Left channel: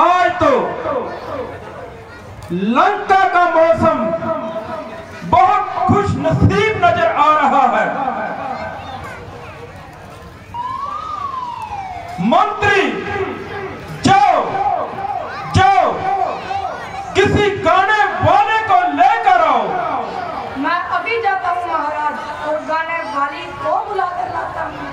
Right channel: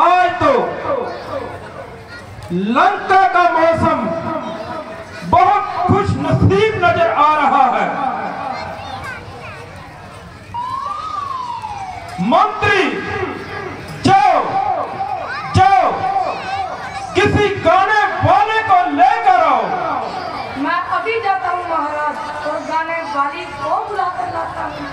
आज तो लंका का मौसम बहुत खुश नसीब नजर आ रहा है। मंत्री जाओ जाओ किसी गाने वाले को लेकर आओ। मैं अभी जाता हूँ महाराज और गाने वाली को बुला कर लाता हूँ।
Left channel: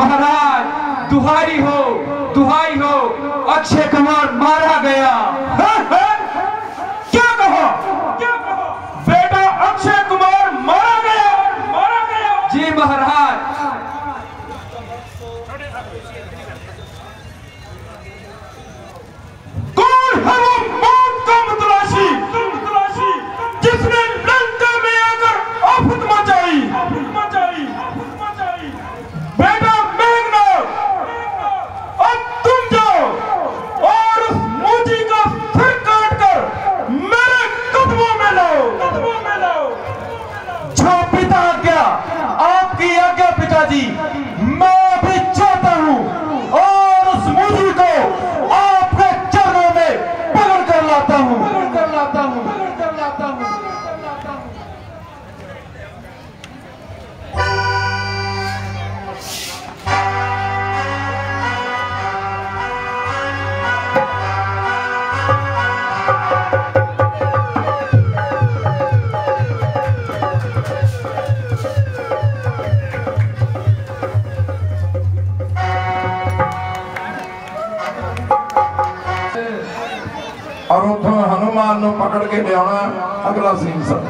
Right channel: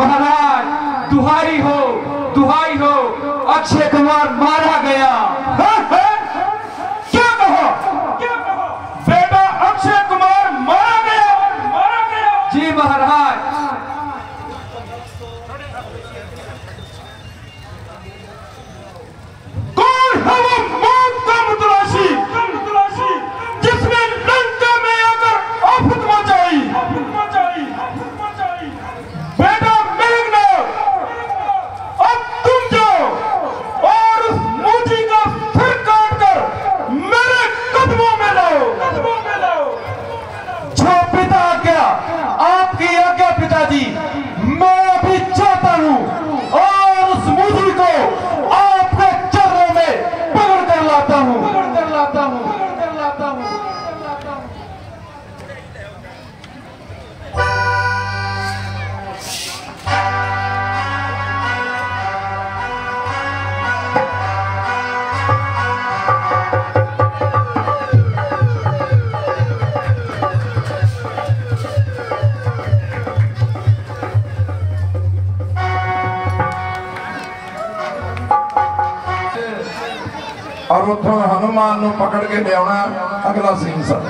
महाराज दुहाई हो अक्षय कुमार मारा गया। क्या कहो बेटा, अक्षय कुमार मारा गया। जी महाराज। कौन है वो मौत का मुतलाशी जिसने लंका में आकर आफत मचाई? बेटा मेघनाद, अब तुम जाओ और उस मूजी का सिर काट कर मेरे कदमों में लाओ। जो पिता आज्ञा, आपकी आज्ञा पिताजी, मैं भी चाहता हूं और उस मूजी को आपके चरणों में पकड़ कर लाता हूं। और उतो हनुमान ਨੂੰ पकड़ के लिया अगला सीन सर।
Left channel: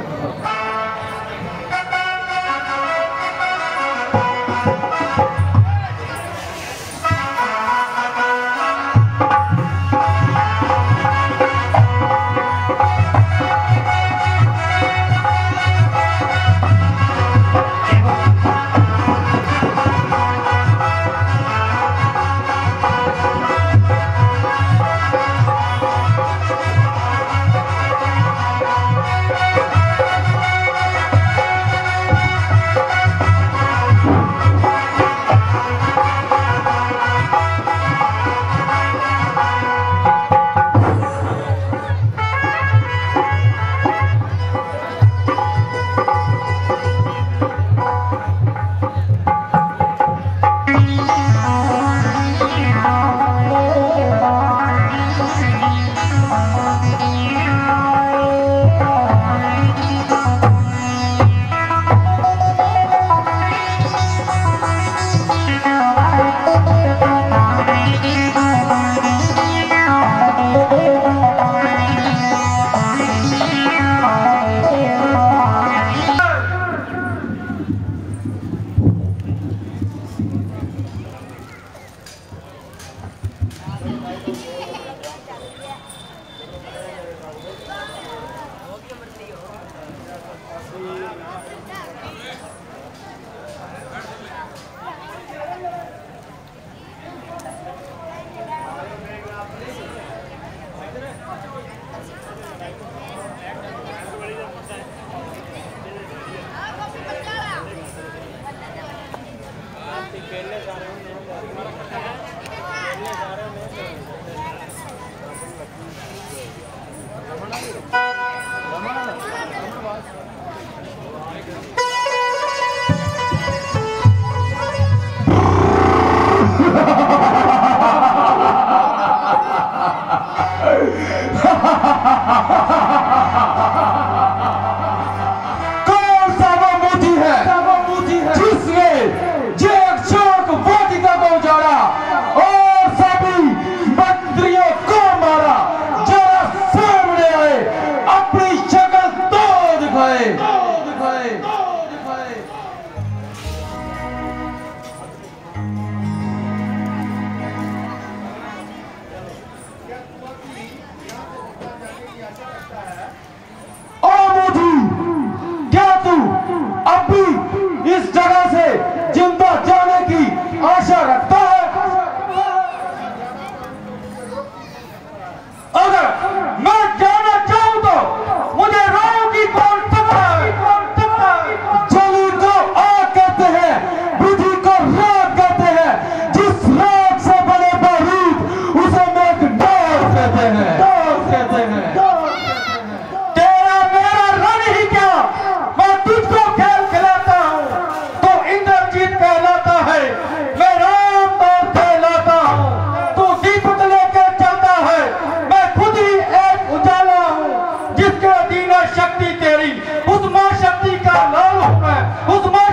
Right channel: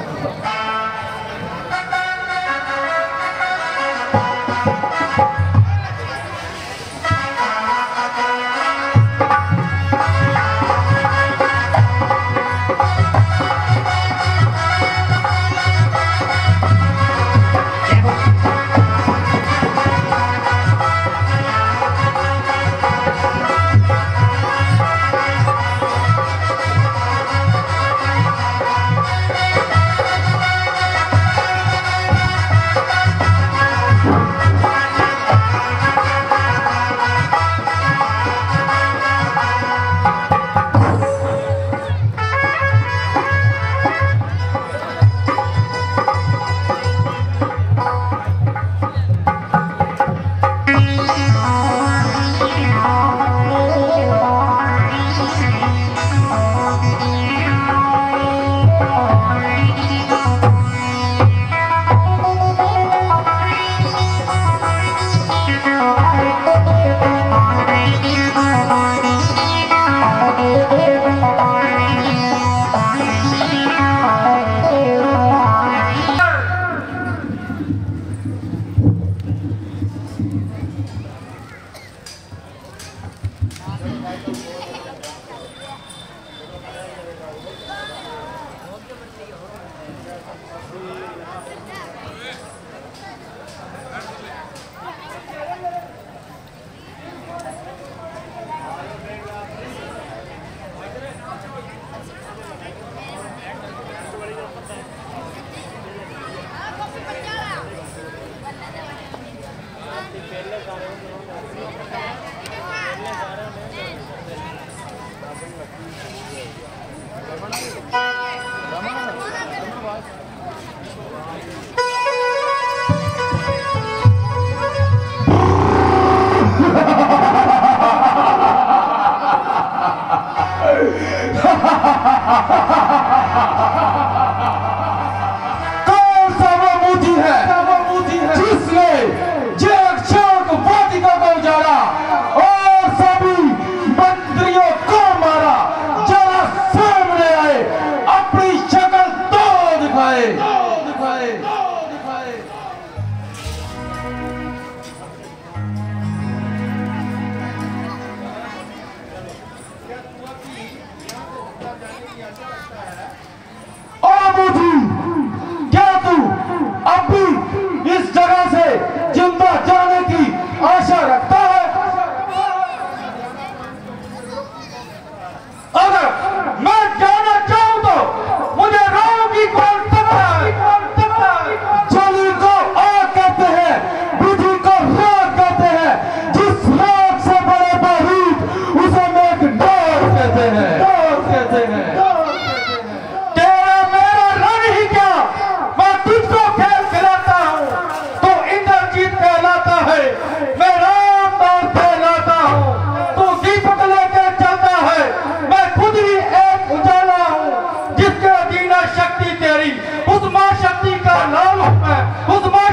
कौन सा वो मूजी है जिसने जेक वाटिका को उजाड़ा और सभी मंत्रियों को मारा? जरा सामने आए, अपनी शक्ल तो दिखाए। क्या तू अभी इस जगह से जिंदा जाने की आशा रखता है? अगर मैं जाना चाहूं तो मुझे रोगी कौन सकता है? जली को आग कहते हैं, विधि को राग कहते हैं, जिस राग से बने बारूद उसे मेघनाद कहते हैं।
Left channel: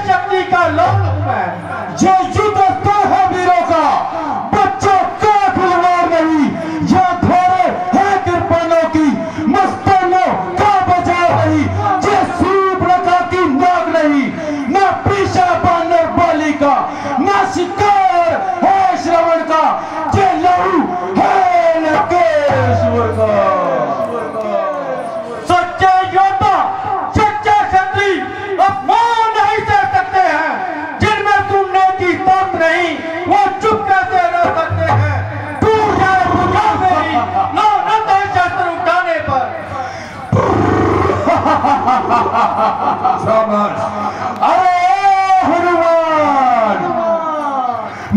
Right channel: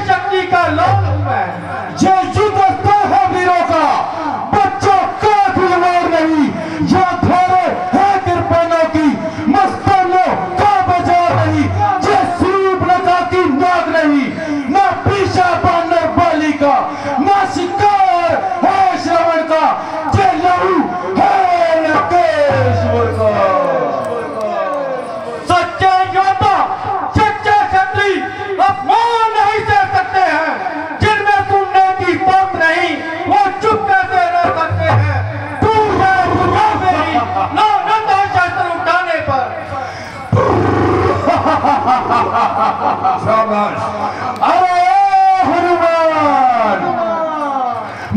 शक्ति का लाल हूं मैं, जो युद्ध करता है शाबाश। अरे हनुमान,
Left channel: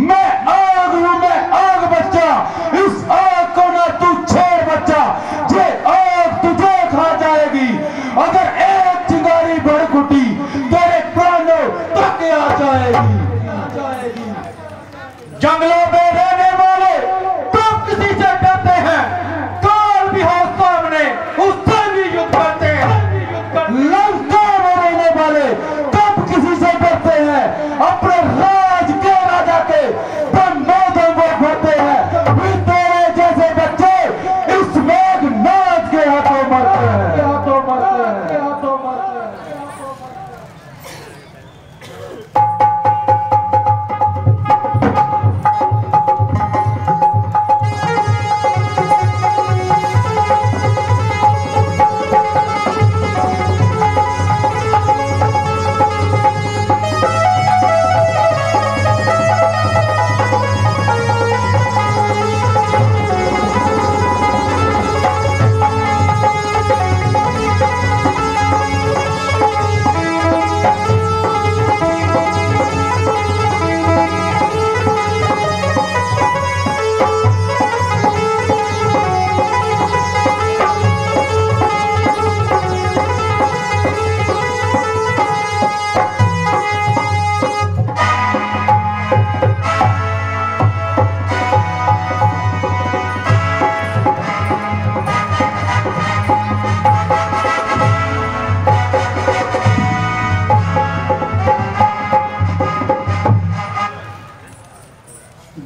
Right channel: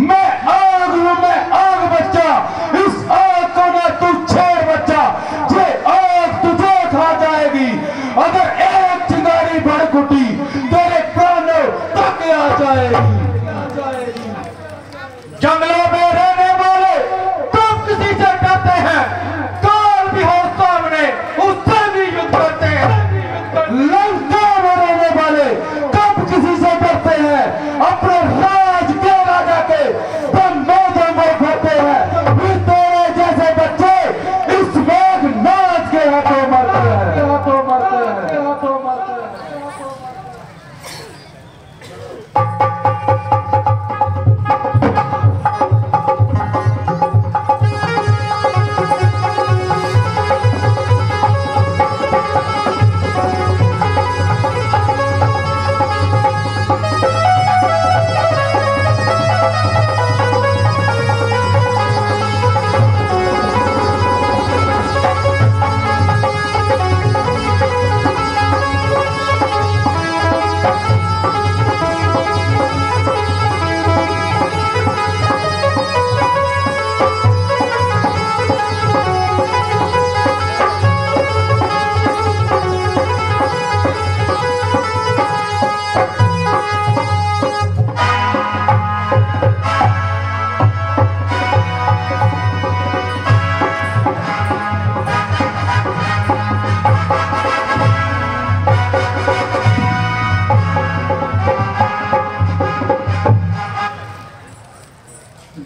मैं आग हूं, मैं आग बच्चा, इस आग को ना तू छेड़ बच्चा, ये आग तुझे खा जाएगी अगर एक चिंगारी भड़कुटी तेरे कानों तक आ जाएगी। जंगलों में रहने वाले कब किसी से डरते हैं, काल भी हो सामने उससे भी युद्ध करते हैं। लंका में रहने वाले कब किसी से डरते हैं, अपने राज के राजा के ब्रह्मोदय में भरते हैं। फिर तेरे जैसे बच्चे इस मेघनाद के हाथों मरते हैं, हाथों मरते हैं, हाथों मरते हैं।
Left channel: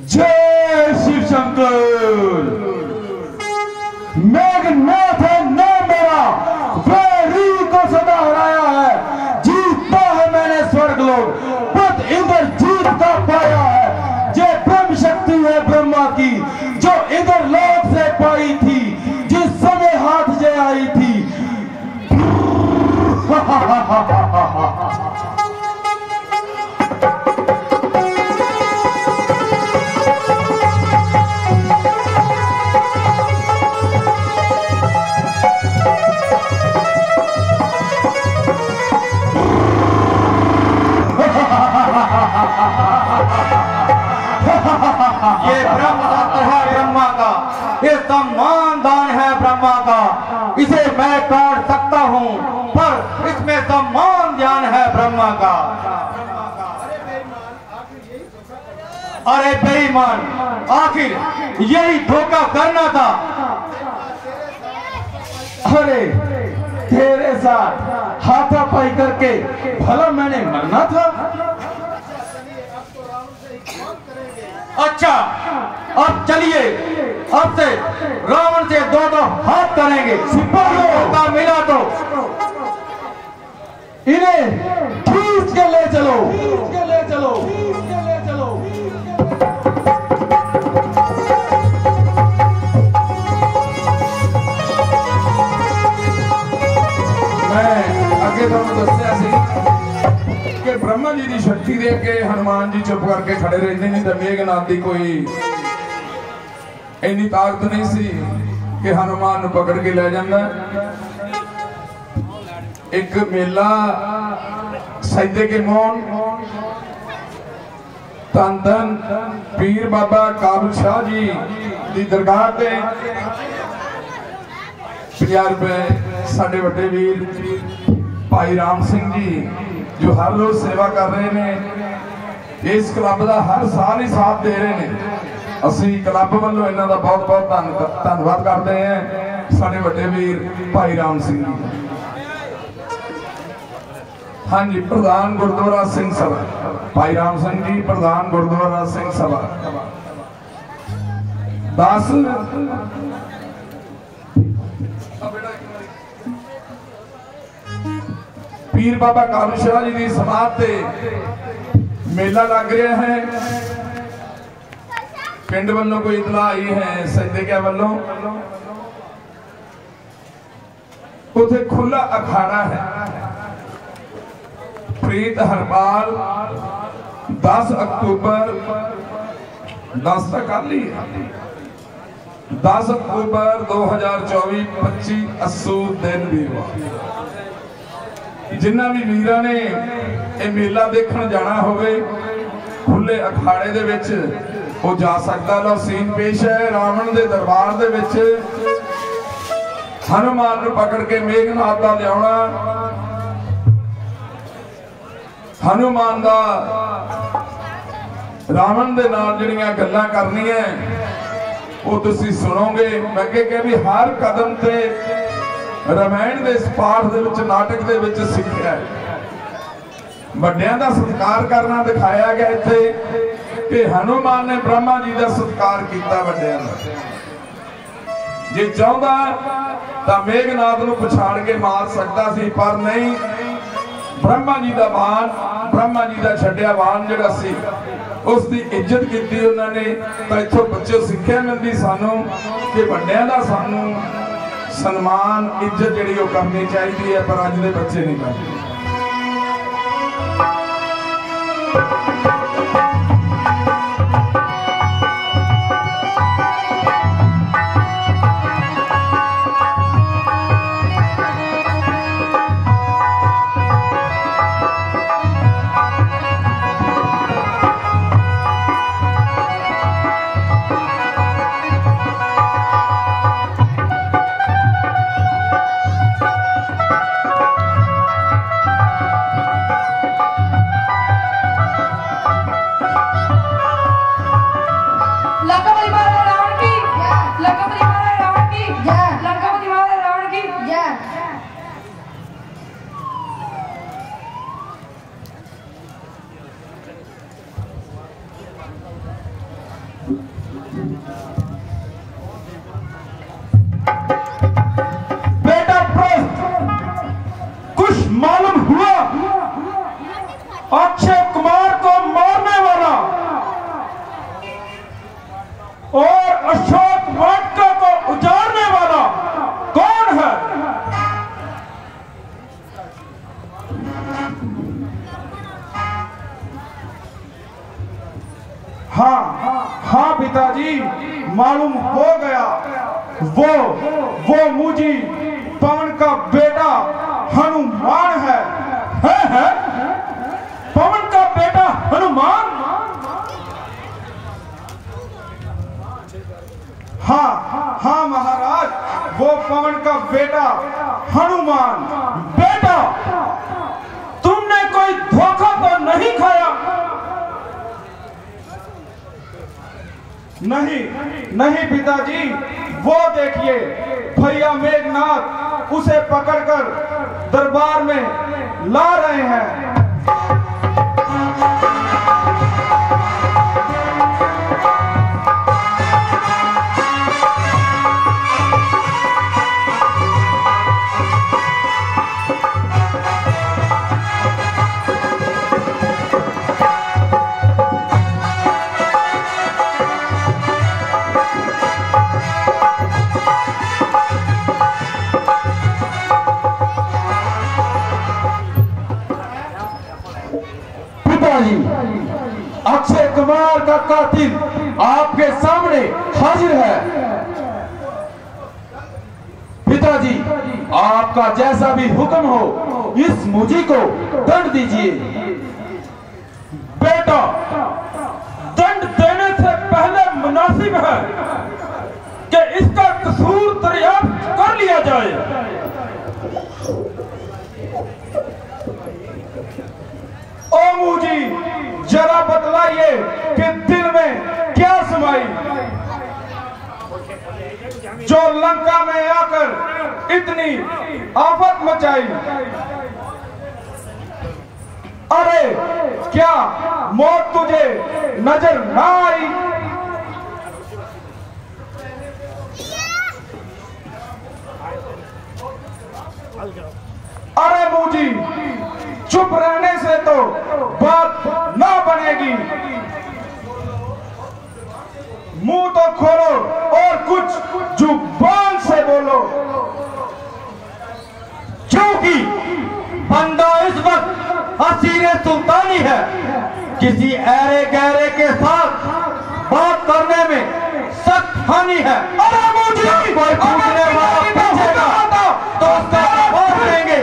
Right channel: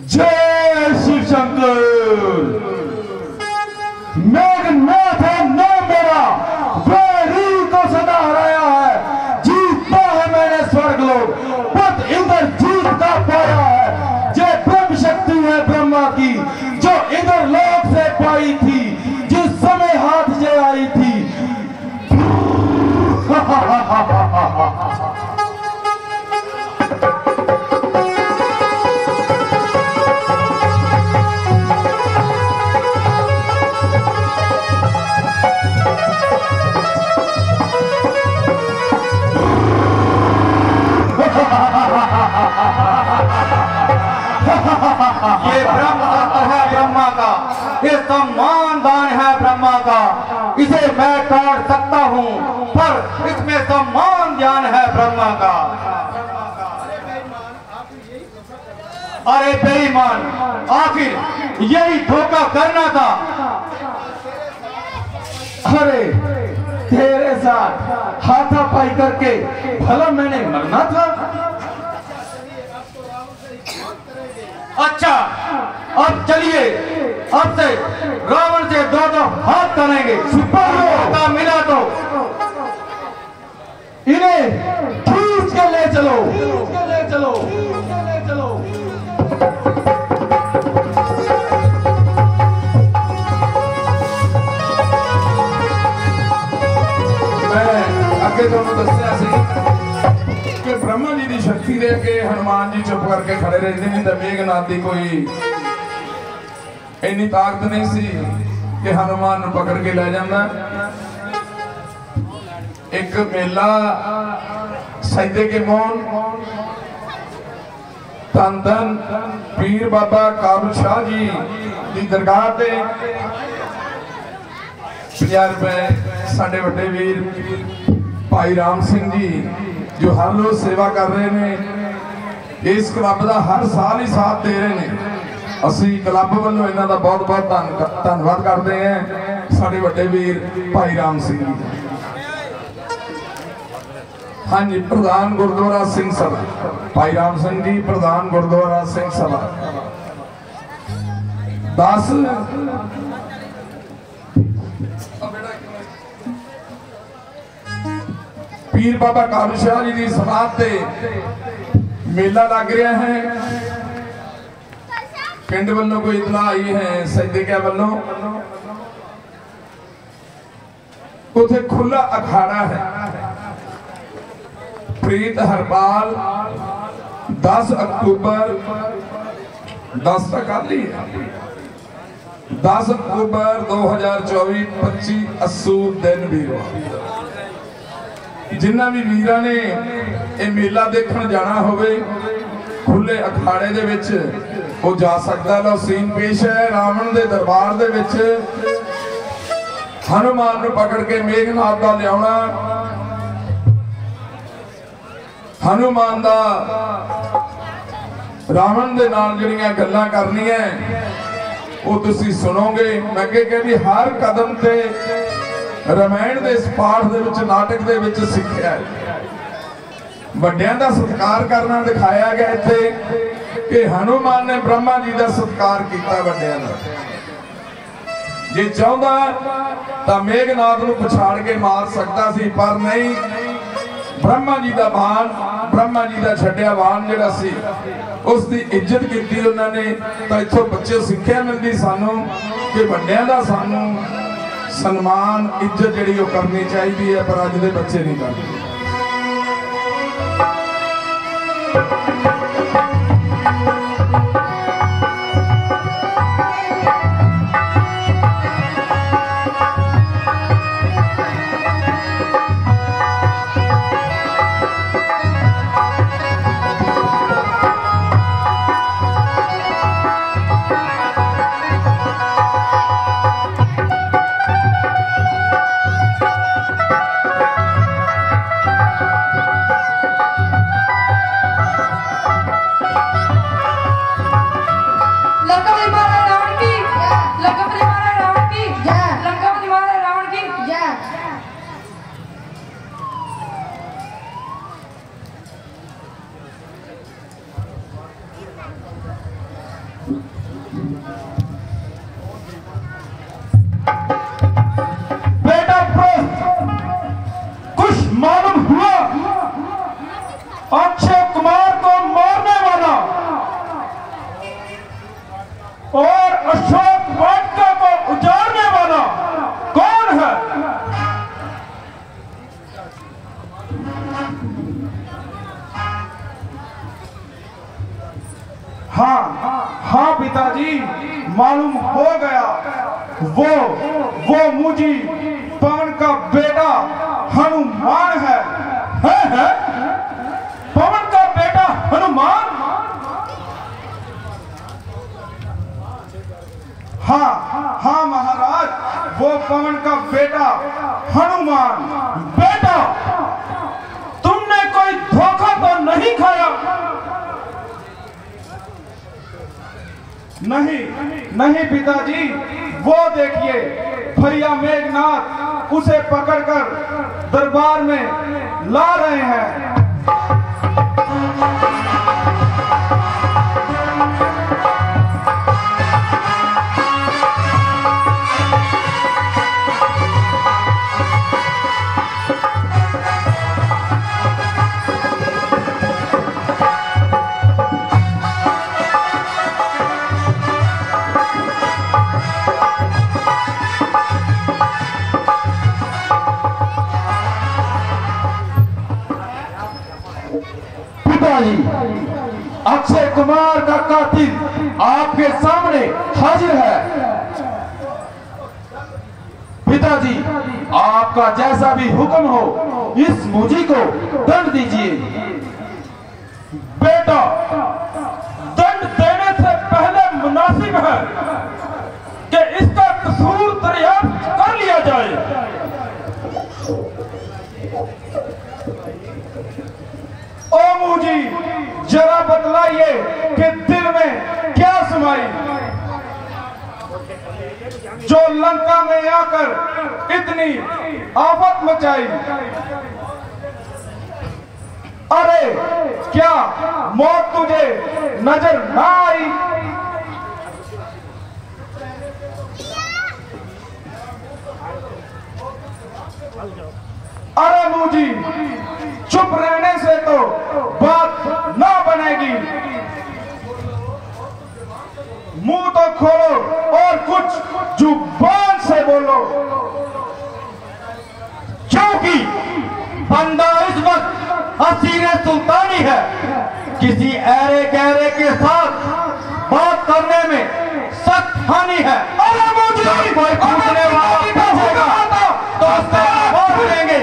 जय शिव शंकर। मेघनाथ है नाम मेरा, वैरी को सदा हराया है, जीता है मैंने स्वर्गलोक, पद इधर जीत का पाया है। ये ब्रह्म शक्ति है ब्रह्मा की, जो इधर लोक से पाई थी, जिस समय हाथ से आई थी। ये ब्रह्म तत्व है ब्रह्मा का, ये सम्मान दान है ब्रह्मा का, इसे मैं तोड़ सकता हूँ पर इसमें सम्मान ध्यान है ब्रह्मा का। अरे बेईमान, आखिर यही धोखा करना था। अरे तेरे साथ हाथापाई करके भला मैंने मरना था। अच्छा, अब चलिए, अब से रावण से दो दो हाथ तड़ेंगे। मौका मिला तो इन्हें खींच के ले चलो, खींच के ले चलो, खींच के ले चलो। मैं अगे तुहानू दस्सिया सी कि ब्रह्मा जी की शक्ति दे के हनुमान जी चुप करके खड़े रहते नहीं तो मेघनाथ की कोई इन्नी ताकत नहीं सी कि हनुमान नूं पकड़ के ले जाना। एक मेला सैदे के मोन धन धन पीर बाबा काबुल शाह जी की दरगाह पे 50 रुपए साडे वड्डे वीर भाई राम सिंह जी जो हर रोज सेवा कर रहे हैं, इस क्लब का हर साल ही साथ दे रहे हैं। असी क्लब वालों इन्हों का बहुत बहुत धन्यवाद करते हैं साडे वड्डे वीर भाई राम सिंह जी। हाँ जी, प्रधान गुरुद्वारा सिंह सभा भाई राम सिंह जी, प्रधान गुरुद्वारा सिंह सभा 10 पीर बाबा काबुल शाह जी की समाध से मेला लग रहा है। पिंड वालों कोई इतला आई है सैदे के वालों, उसे खुला अखाड़ा है। प्रीत हरपाल 10 अक्टूबर 10 तक खाली है, 10 अक्टूबर 2024 25 अस्सू दिन भी हुआ। जिन्ना भी वीरां ने ये मेला देखण जाना होवे खुले अखाड़े दे विच वो जा सकदा। लो सीन पेश है रावण दे दरबार दे विच हनुमान नूं पकड़ के मेघनाथ दा लियाउणा, हनुमान दा रावण दे नाल जिहड़ियां गल्लां करनियां वो तुसीं सुनोगे। मैं अगे कह भी हर कदम ते रामायण दे इस पाठ दे विच नाटक दे विच सिੱਖਿਆ है। ਵੱਡਿਆਂ ਦਾ सत्कार करना दिखाया गया इत्थे कि हनुमान ने ब्रह्मा जी का सत्कार किया ਵੱਡਿਆਂ ਦਾ। जे चाहता तो मेघनाथ नूं पछाड़ के मार सकता सी पर नहीं, ब्रह्मा जी का बाण, ब्रह्मा जी का छड्डिया बाण जिहड़ा सी उसकी इज्जत की उन्होंने। तो इत्थों बच्चे सिੱਖਿਆ मिलती सानू कि ਵੱਡਿਆਂ ਦਾ सानू सन्मान इज्जत जिहड़ी वो करनी चाहिए है, पर अज दे बच्चे नहीं करते। बेटा प्रस्त कुछ मालूम हुआ? अक्षय कुमार को मारने वाला और अशोक वाटिका को उजाड़ने वाला कौन है? हाँ हाँ पिताजी, मालूम हो गया। वो मुझी पवन का बेटा हनुमान है। पवन का बेटा हनुमान? हाँ महाराज, वो पवन का बेटा हनुमान। बेटा तुमने कोई धोखा तो नहीं खाया? नहीं पिताजी, वो देखिए भैया मेघनाथ उसे पकड़कर दरबार में ला रहे हैं। अक्षय कुमार का कातिल आपके सामने हाजिर है। पिताजी, आपका जैसा भी हुक्म हो इस मुझी को दंड दीजिए। बेटा, दंड देने से पहले मुनासिब है कि इसका कसूर दरियाफ्त कर लिया जाए। ओ मुझी, जरा बतलाइए कि दिल में क्या समाई जो लंका में आकर इतनी आफत मचाई। अरे क्या मौत तुझे नजर ना आई? अरे मुझी, चुप रहने से तो बात ना बनेगी। मुंह तो खोलो और कुछ जुबान से बोलो, क्योंकि बंदा इस वक्त असीर सुल्तानी है। किसी ऐरे गहरे के साथ बात करने में सख्त हानि है। अरे मुझे कोई पूछने वाला होगा तो उससे बात करेंगे।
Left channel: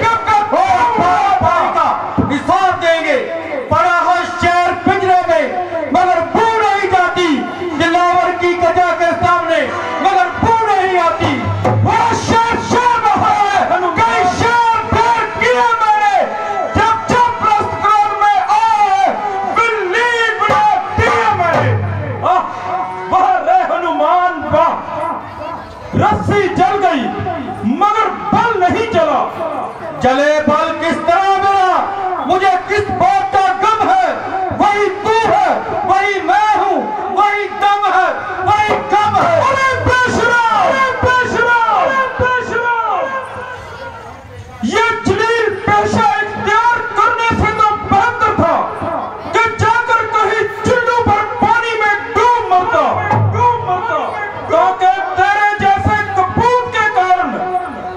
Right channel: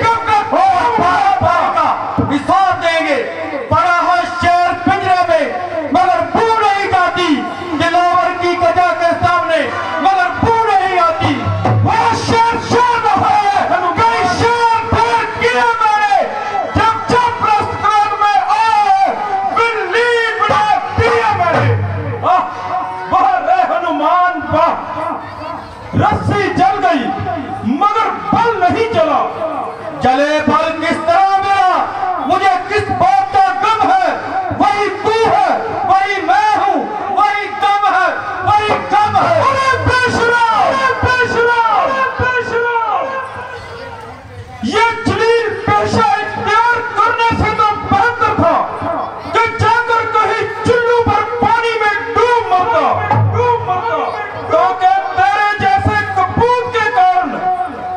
अरे बेशरा, ये जलील पेशा इख्तियार करने से तो बेहतर था कि जाकर कहीं चुल्लू पर पानी में डूब मरता। क्योंकि तेरे जैसे कपूत के कारण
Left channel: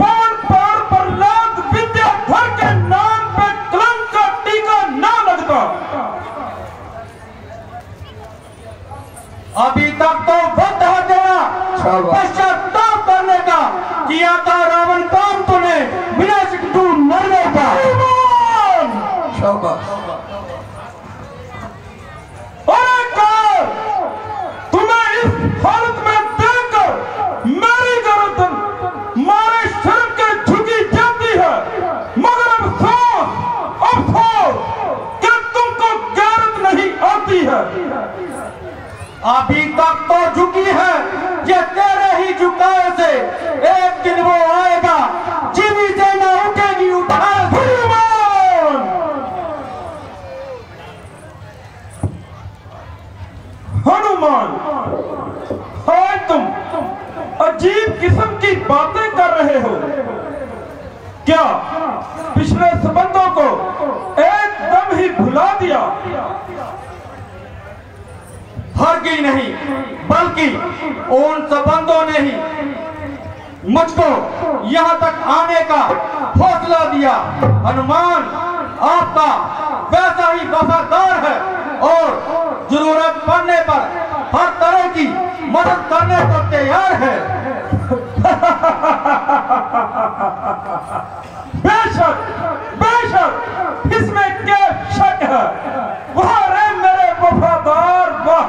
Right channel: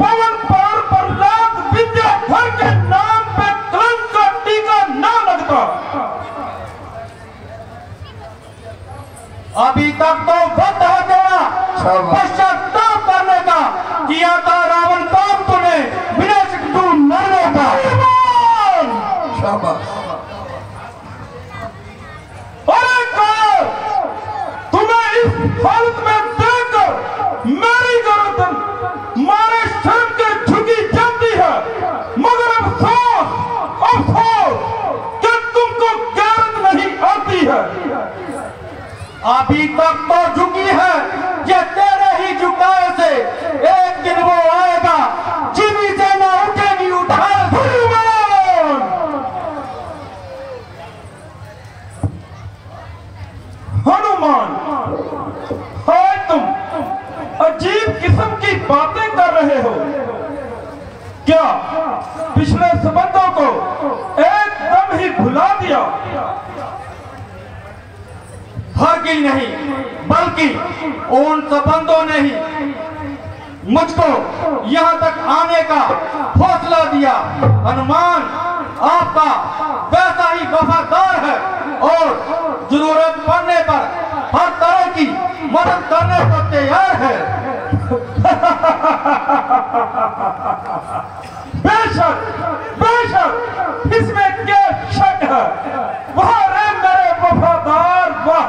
पवन पार पर लाख विद्याधर के नाम पे कलंक का टीका ना लगता। अभी तक तो वक्त है तेरा पश्चाताप करने का। किया था रावण काम तूने, विनाशक तू मरने का। शाबाश। अरे कार, तुम्हें इस हालत में देखकर मेरी गर्दन मारे शर्म के झुकी जाती है। मगर अफसोस कि तुमको गैरत नहीं आती है। अभी तक तो झुकी है, ये तेरे ही झुकाव से एक दिन वो आएगा, जीवी से न उठेगी उठा। हनुमान, आज तुम अजीब किस्म की बातें कर रहे हो। क्या पिछले संबंधों को एकदम ही भुला दिया? हरगिज नहीं, बल्कि उन संबंधों ने ही मुझको यहाँ तक आने का हौसला दिया। हनुमान आपका वैसा ही वफादार है और जरूरत पड़ने पर हर तरह की मदद करने को तैयार है। बेशक, बेशक, इसमें क्या शक है। वह रे मेरे वफादार, वाह।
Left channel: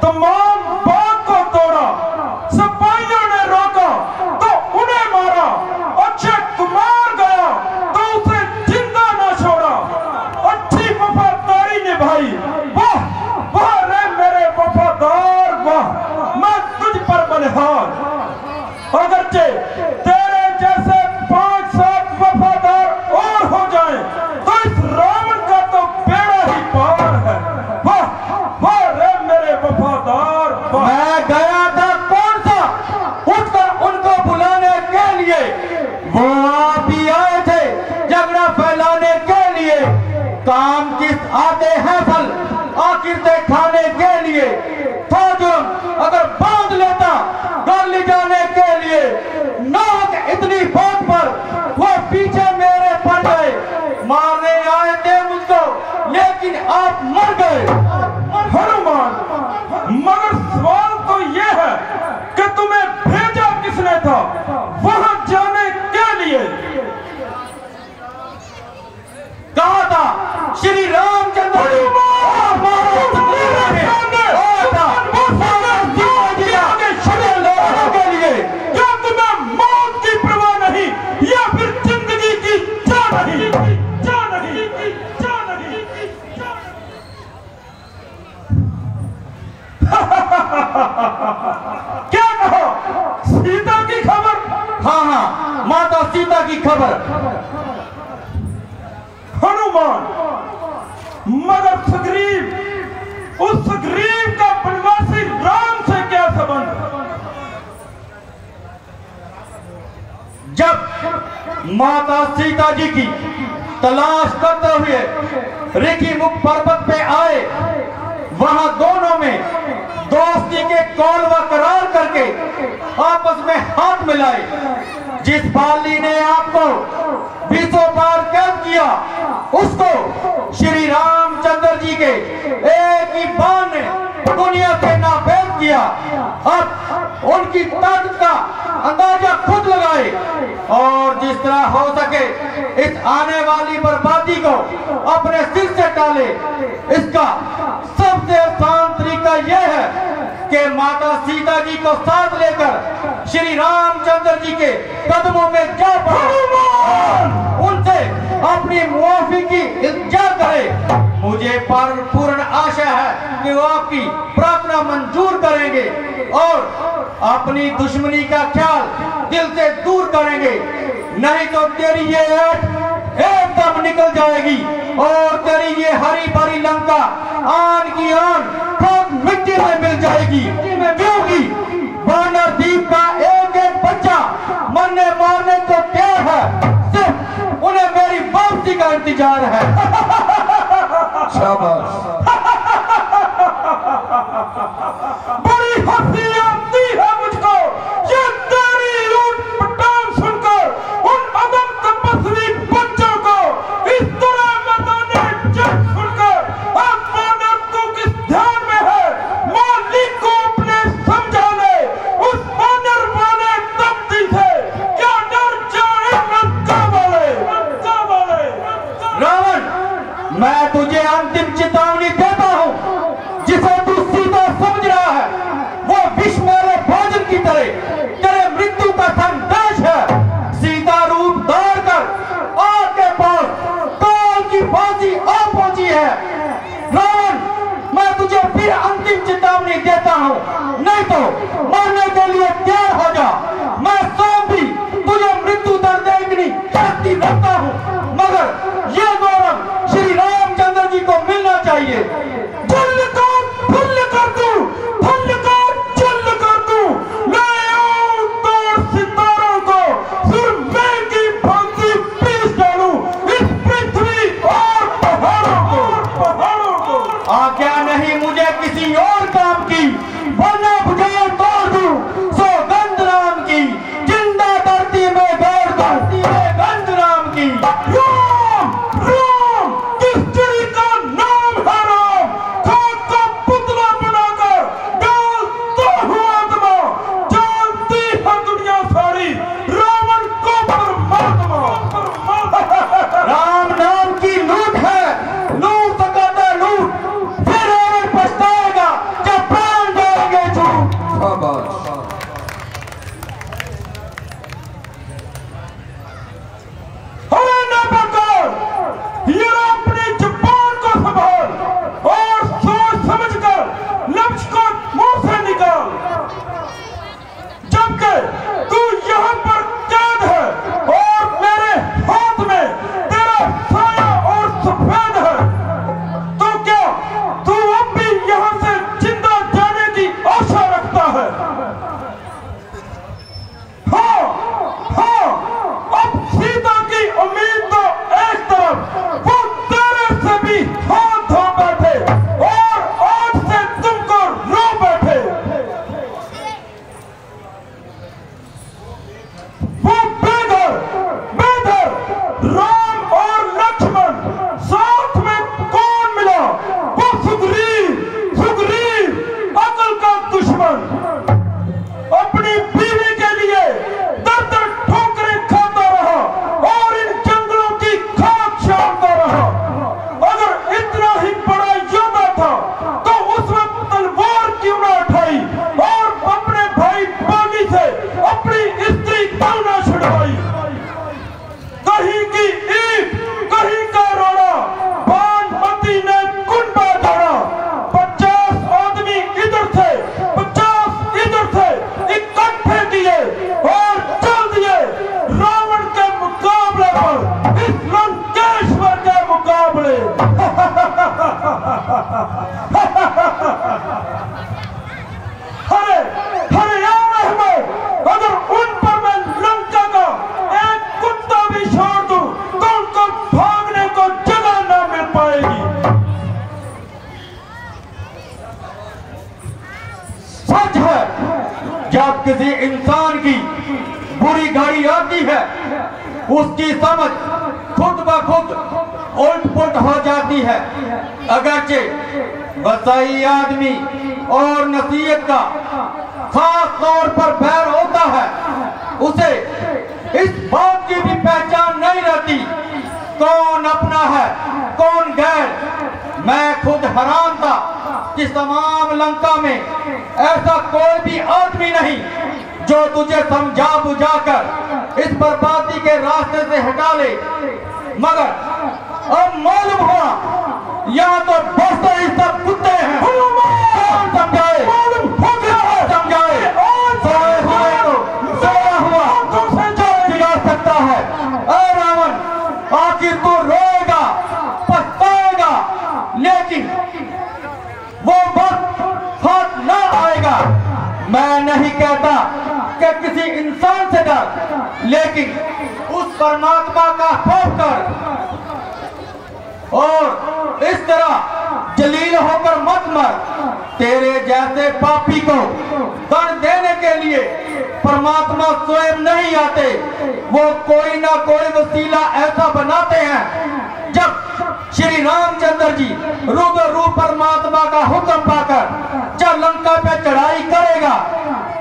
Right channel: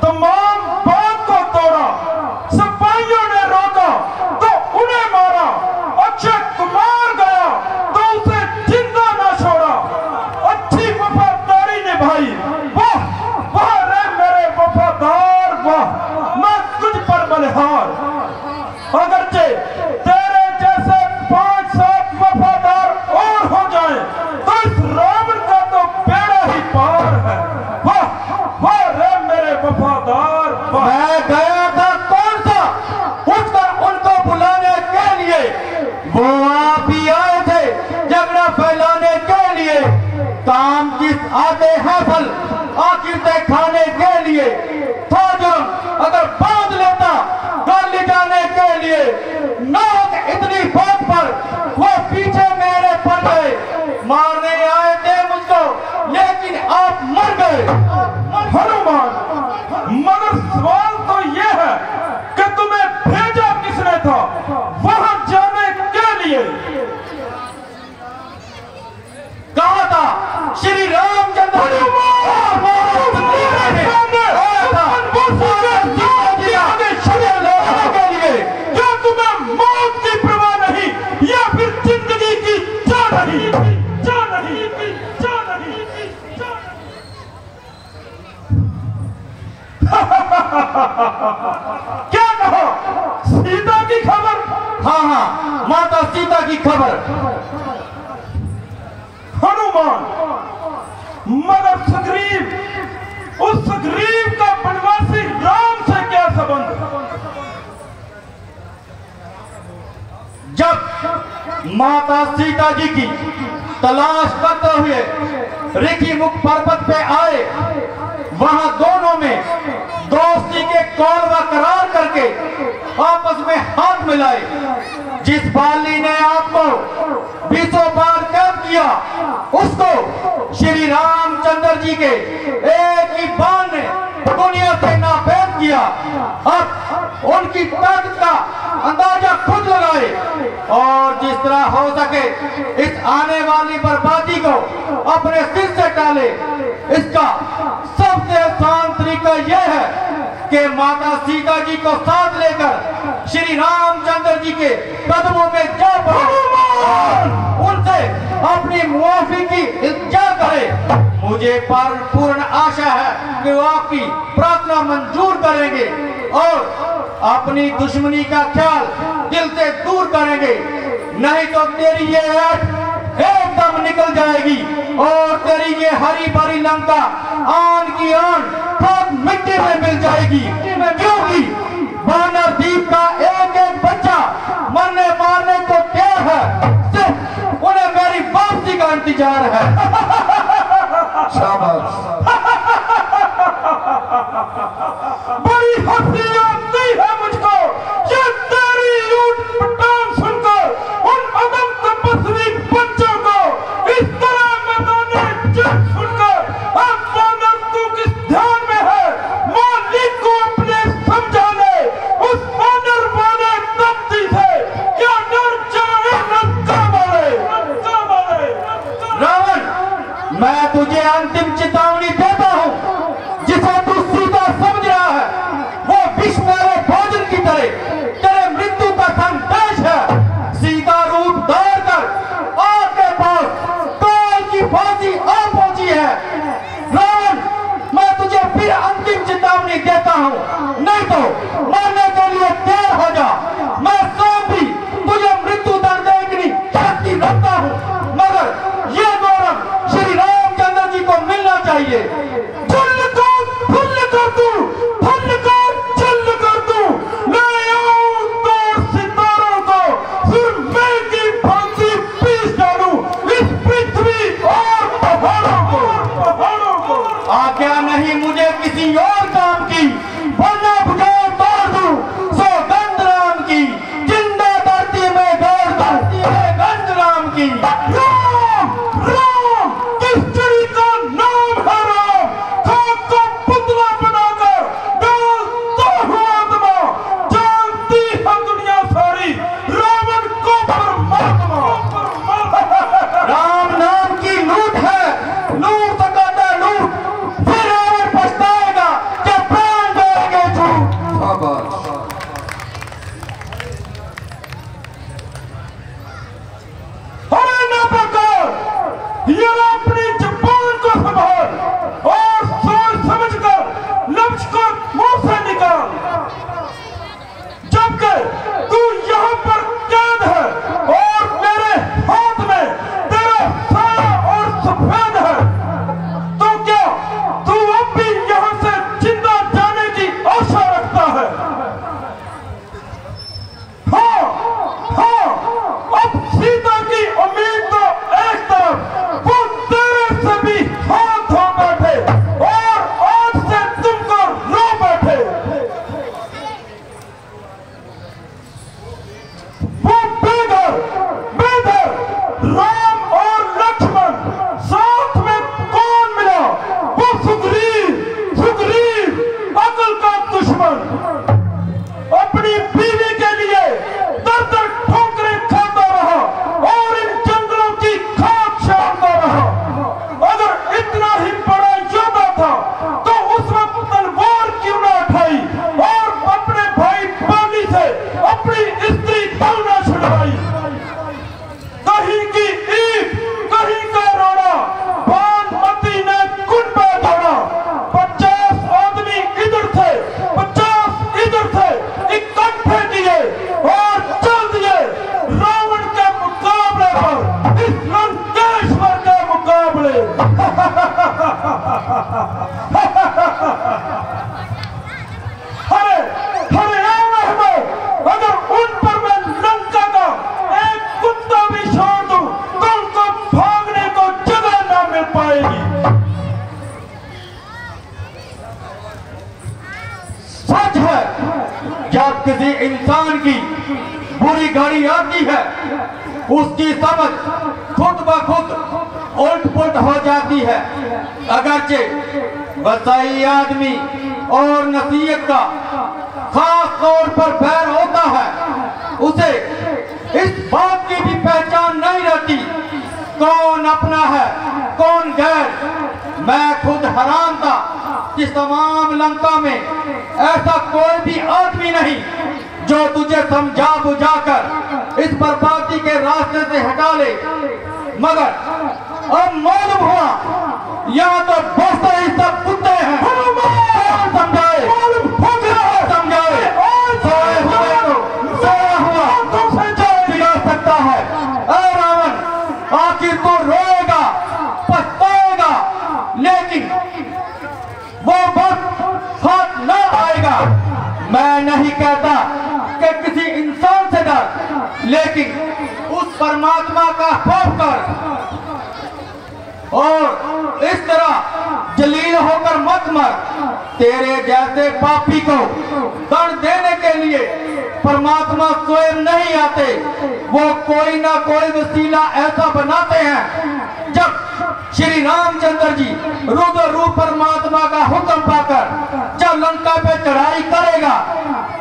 तमाम बात को तोड़ा, सिपाहियों ने रोका तो उन्हें मारा। अक्षय कुमार गया तो उसे जिंदा न छोड़ा। अच्छी वफादारी निभाई, वाह वाह रे मेरे वफादार, वाह। मैं तुझ पर बलिहार। अगरचे तेरे जैसे 5-7 वफादार और हो जाए तो इस रावण का तो बेड़ा ही पार है। वाह वाह रे मेरे वफादार, वाह। मैं गया था कौन सा उठकर उनको बुलाने के लिए। वो आप ही आए थे झगड़ा फैलाने के लिए। काम किस आते हैं फल आखिर दिखाने के लिए। था जुर्म अगर बांध लेता गाली जाने के लिए। नाक इतनी बात पर वो पीछे मेरे पड़ गए। मारने आए थे मुझको लेकिन आप मर गए। हनुमान, मगर सवाल तो ये है कि तुम्हें भेजा किसने था वहां जाने के लिए? कहा था श्री रामचंद्र जी। के लिए क्या तुम्हें मौत की परवाह नहीं या फिर जिंदगी की जान नहीं? क्या कहा? सीता की खबर? हाँ, माता सीता की खबर। हनुमान, मगर सुग्रीव, उस सुग्रीव का वनवासी राम से क्या संबंध? जब माता सीता जी की तलाश करते हुए ऋषि मुख पर्वत पे आए, वहां दोनों में दोस्ती के कौल व करार करके आपस में हाथ मिलाए। जिस बाली ने आपको 20 बार कैद किया, उसको श्री रामचंद्र जी के एक ही बाण ने दुनिया से नाबेद किया। अब उनकी ताकत का अंदाजा खुद लगाए और जिस तरह हो सके इस आने वाली बर्बादी को अपने सिर से टाले। इसका सबसे आसान तरीका यह है कि माता सीता जी को साथ लेकर श्री रामचंद्र जी के कदमों में जा पड़ो, उनसे अपनी मुआफी की इल्तिजा करे। मुझे पूर्ण आशा है कि वो आपकी प्रार्थना मंजूर करेंगे और अपनी दुश्मनी का ख्याल दिल से दूर करेंगे। नहीं तो तेरी ये ऐट एकदम निकल जाएगी और तेरी ये हरी भरी लंका आन की आन खुद मिट्टी में मिल जाएगी, क्योंकि वानर द्वीप का एक एक बच्चा मरने मारने को तैयार है, सिर्फ उन्हें मेरी वापसी का इंतजार है। शाबाश। बड़ी हंसी आती है मुझको ये तेरी ऊंट पटांग सुनकर, उन अदम तपस्वी बच्चों को इस तरह मैदाने जंग सुनकर। अब वानर तू किस ध्यान में है, मालिक को अपने समझा ले, उस वानर वाले तपती से क्या डर जाए लंका वाले। रावण, मैं तुझे अंतिम चेतावनी देता हूँ, जिसे तू सीधा समझ रहा है वो विष मेरे भोजन की तरह तेरे मृत्यु का संदेश है। सीधा रूप धार कर आपके पास काल की फांसी आ पहुंची है। रावण, मैं तुझे फिर अंतिम चेतावनी देता हूँ, नहीं तो मरने के लिए तैयार हो जा। मैं स्वयं भी तुझे मृत्यु दंड देने की शक्ति रखता हूँ, मगर यह गौरव श्री रामचंद्र जी को मिलना चाहिए। फुल कर तू, फुल कर, चल कर तू, ले आओ तो सितारों को सुरमे की फांसी पीस डालूं इस पृथ्वी और पहाड़ों को। आज्ञा नहीं मुझे किसी और काम की, वरना बुझार तोड़ दूं सौगंध राम की, जिंदा धरती में गाड़ दूं गंध राम की। राम राम किस चिड़ी का नाम है राम, खाक का पुतला बनाकर डालता हुआ आत्मा, जानती है दुनिया सारी रावण को परमात्मा। राम नाम की लूट है, लूट सकाता लूट, फिर रावण पछताएगा जब प्राण जाएंगे झूठ। शाबाश। अरे ना बकर, ये अपनी जुबान को संभाल और सोच समझकर लफ्ज को मुंह से निकाल, जबकि तू यहाँ पर कैद है और मेरे हाथ में तेरा साया और सफेद है, तो क्या तू अब भी यहाँ से जिंदा जाने की आशा रखता है? हाँ हाँ, अब सीता की उम्मीद तो एक तरफ, वो तेरे से भी हाथ धो बैठे और आज से तुमको रो बैठे। वो बेघर बेघर राम और लक्ष्मण साथ में कौन मिला, वो सुग्रीव अकल का दुश्मन, अपनी बीवी के लिए दर दर ठोकरें खाता रहा और इन जंगलों की खाक छानता रहा। अगर इतना ही बड़ा योद्धा था तो उस वक्त तलवार क्यों ना उठाई और अपने भाई बागी से अपनी स्त्री क्यों ना छुड़वाई। कहीं की ईंट, कहीं का रोड़ा, भानुमती ने कुंडा तोड़ा, 50 आदमी इधर थे, 50 इधर थे, इकट्ठे किए और चल दिए रावण के मुकाबले पर, इस लंकेश्वर के मुकाबले। अरे अगर उन पर मैं लंका का एक कुत्ता भी छोड़ दूं तो उनको भागने को जगह ना मिल पाएगी। सच है, जब किसी इंसान की बुरी घड़ी आती है, उसकी समझ खुद ब खुद उल्ट पुल्ट हो जाती है। अगरचे वसाई आदमी और नसीहत का खास तौर पर बैर होता है, उसे इस बात की भी पहचान नहीं रहती कौन अपना है कौन गैर। मैं खुद हैरान था कि तमाम लंका में ऐसा कोई भी आदमी नहीं जो तुझे समझा बुझाकर इस बर्बादी के रास्ते से हटा ले, मगर अब मालूम हुआ यहाँ तो दोस्त ही सब कुत्ते हैं। कौन समझाए, समझाए, सोए हुए को सोया हुआ दिला सकता है। ऐ रावण, आखिर तू रोएगा, पछताएगा, लेकिन लेकिन उस परमात्मा का खौफ कर और इस तरह जलील होकर मत मर। तेरे जैसे पापी को दंड देने के लिए परमात्मा स्वयं नहीं आते, वो कोई ना कोई वसीला ऐसा बनाते हैं। जब श्री रामचंद्र जी रुद्र रूप परमात्मा का हुक्म पाकर जब लंका पे चढ़ाई करेगा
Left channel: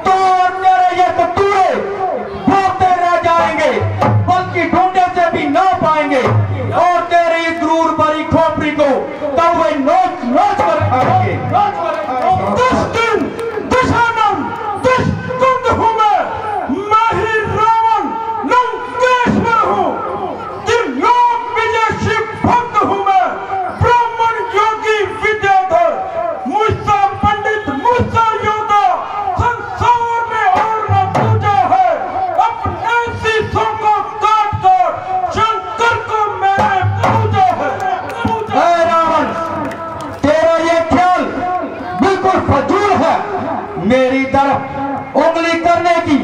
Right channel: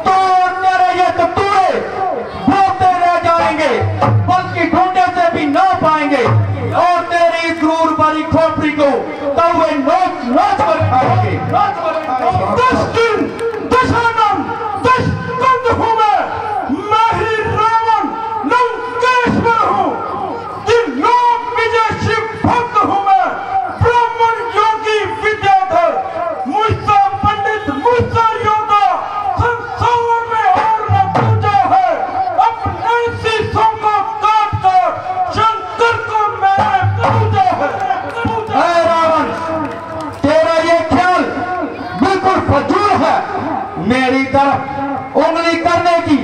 तो तेरे ये कतूरे ढूंढते रह जाएंगे, बल्कि ढूंढे से भी ना पाएंगे और तेरी इस क्रूर बड़ी खोपड़ी को तब वे नोच नोच कर खाएंगे। दुष्टन दुशानन दुष्कंद हूँ मैं ही रावण लंकेश्वर हूँ, त्रिलोक विजय शिव भक्त हूँ मैं, ब्राह्मण योगी विद्याधर, मुझसा पंडित मुझसा योद्धा संसार में और न पूजा है। अपने शीशों को काट कर शंकर को मैंने पूजा है। रावण, तेरा ये ख्याल बिल्कुल फजूल है। मेरी तरफ उंगली करने की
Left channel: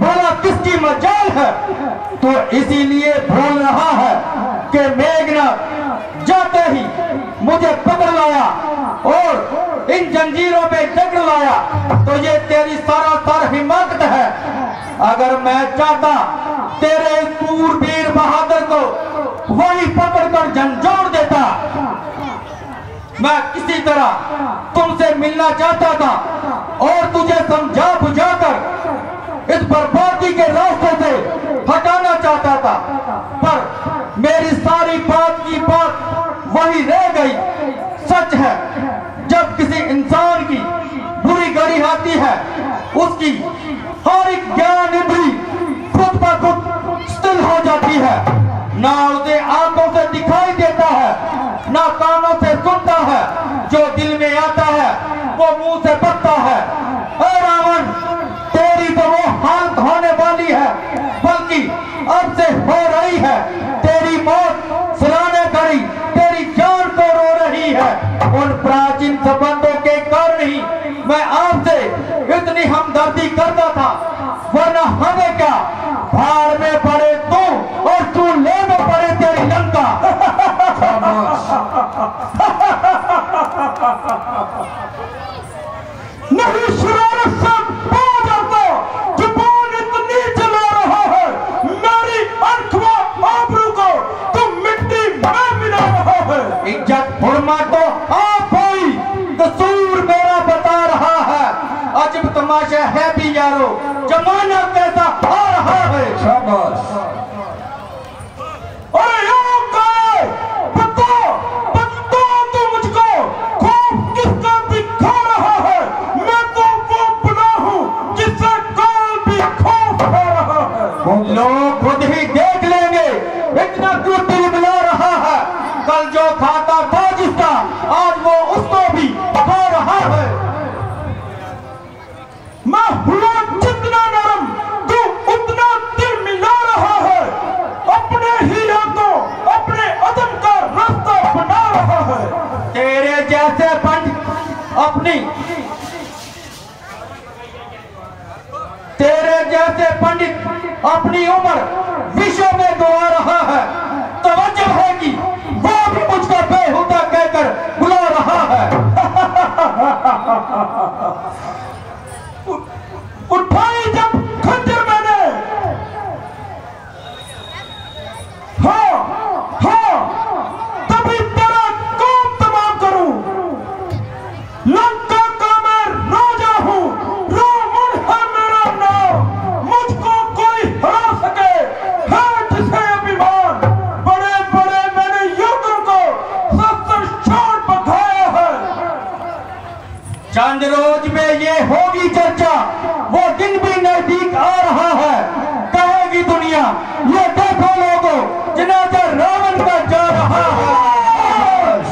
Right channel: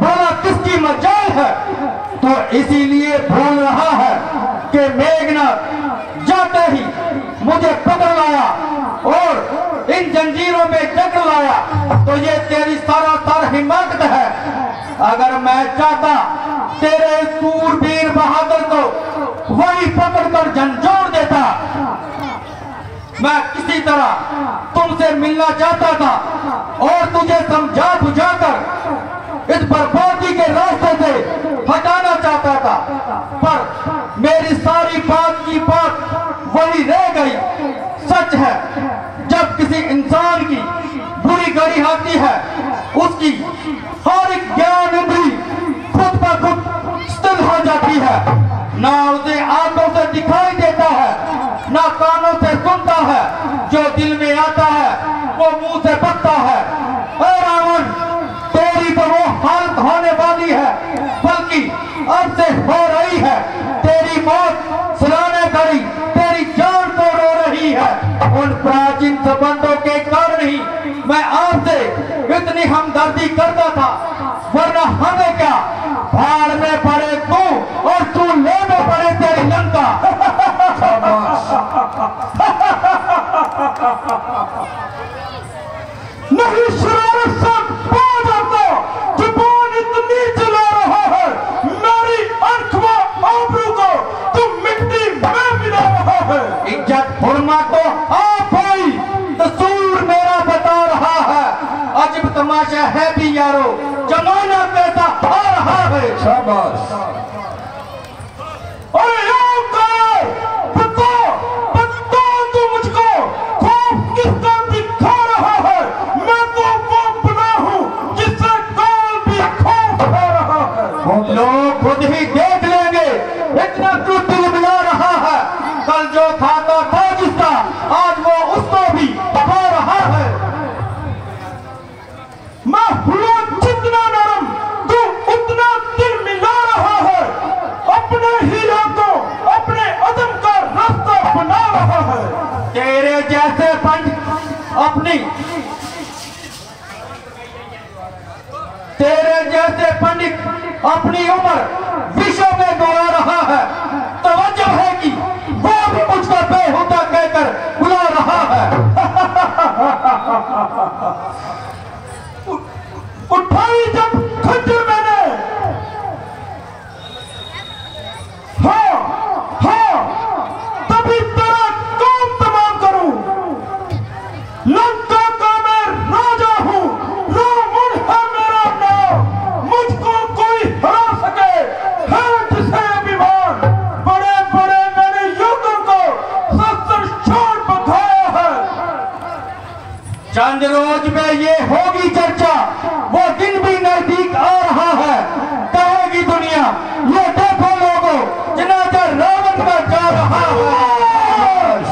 भला किसकी मजाल है? तो इसीलिए भूल रहा है कि मेघनाथ जाते ही मुझे पकड़ लाया और इन जंजीरों में जकड़ लाया, तो ये तेरी सारा हिम्मत है। अगर मैं चाहता तेरे सूरवीर बहादुर को वही पकड़कर झंझोड़ देता। मैं किसी तरह तुमसे मिलना चाहता था और तुझे समझा बुझाकर इस बर्बादी के रास्ते से हटाना चाहता था, पर मेरी सारी बात की बात वही रह गई। सच है, जब किसी इंसान की बुरी घड़ी आती है उसकी सारी ज्ञान इंद्री खुद ब खुद स्थिर हो जाती है। ना उसे आंखों से दिखाई देता है, ना कानों से सुनता है, जो दिल में आता है वो मुंह से बकता है। रावण, तेरी तो वो हालत होने वाली है, बल्कि अब से हो रही है। तेरी मौत सराहने घड़ी तेरी जान तो रो रही है। उन प्राचीन संबंधों के कारण ही मैं आपसे इतनी हमदर्दी करता था, वरना हमें क्या, भाड़ में पड़े तू और तू ले में पड़े तेरी लंका। नहीं शरारत से बाज आता, जुबान इतनी चला रहा है, मेरी आंख व आबरू को तू मिट्टी में मिला रहा है। इज्जत हुर्मा को आप ही कसूर मेरा बता रहा है। अजब तमाशा है भी यारो, जमाना कैसा आ रहा है। शाबाश। अरे बता तू मुझको खूब किसका दिखा रहा है? मैं तो वो बना हूँ जिससे कौन भी खौफ खा रहा है। लोग खुद ही देख लेंगे, इतना क्यों तिलमिला रहा है। कल जो खाता था जिसका, आज वो उसको भी खा रहा है। मैं हुआ जितना नरम, तू उतना दिल मिला रहा है। अपने ही हाथों अपने अदम का रास्ता बना रहा है। तेरे जैसे पंडित अपनी उम्र विश्व में गवा रहा है। तवज्जो है कि वो भी मुझको बेहुदा कहकर बुला रहा है। उठाई जब खंजर मैंने, हाँ तभी तेरा काम तमाम करूं। लंका का मैं राजा हूं, रावण है मेरा नाम, मुझको कोई हरा सके है जिसे अभिमान। बड़े बड़े मैंने युद्धों को शस्त्र छोड़ बधाया है। चंद रोज में ये होगी चर्चा, वो दिन भी नजदीक आ रहा है। कहेगी दुनिया, ये देखो लोगों, जनाजा रावण का जा रहा है।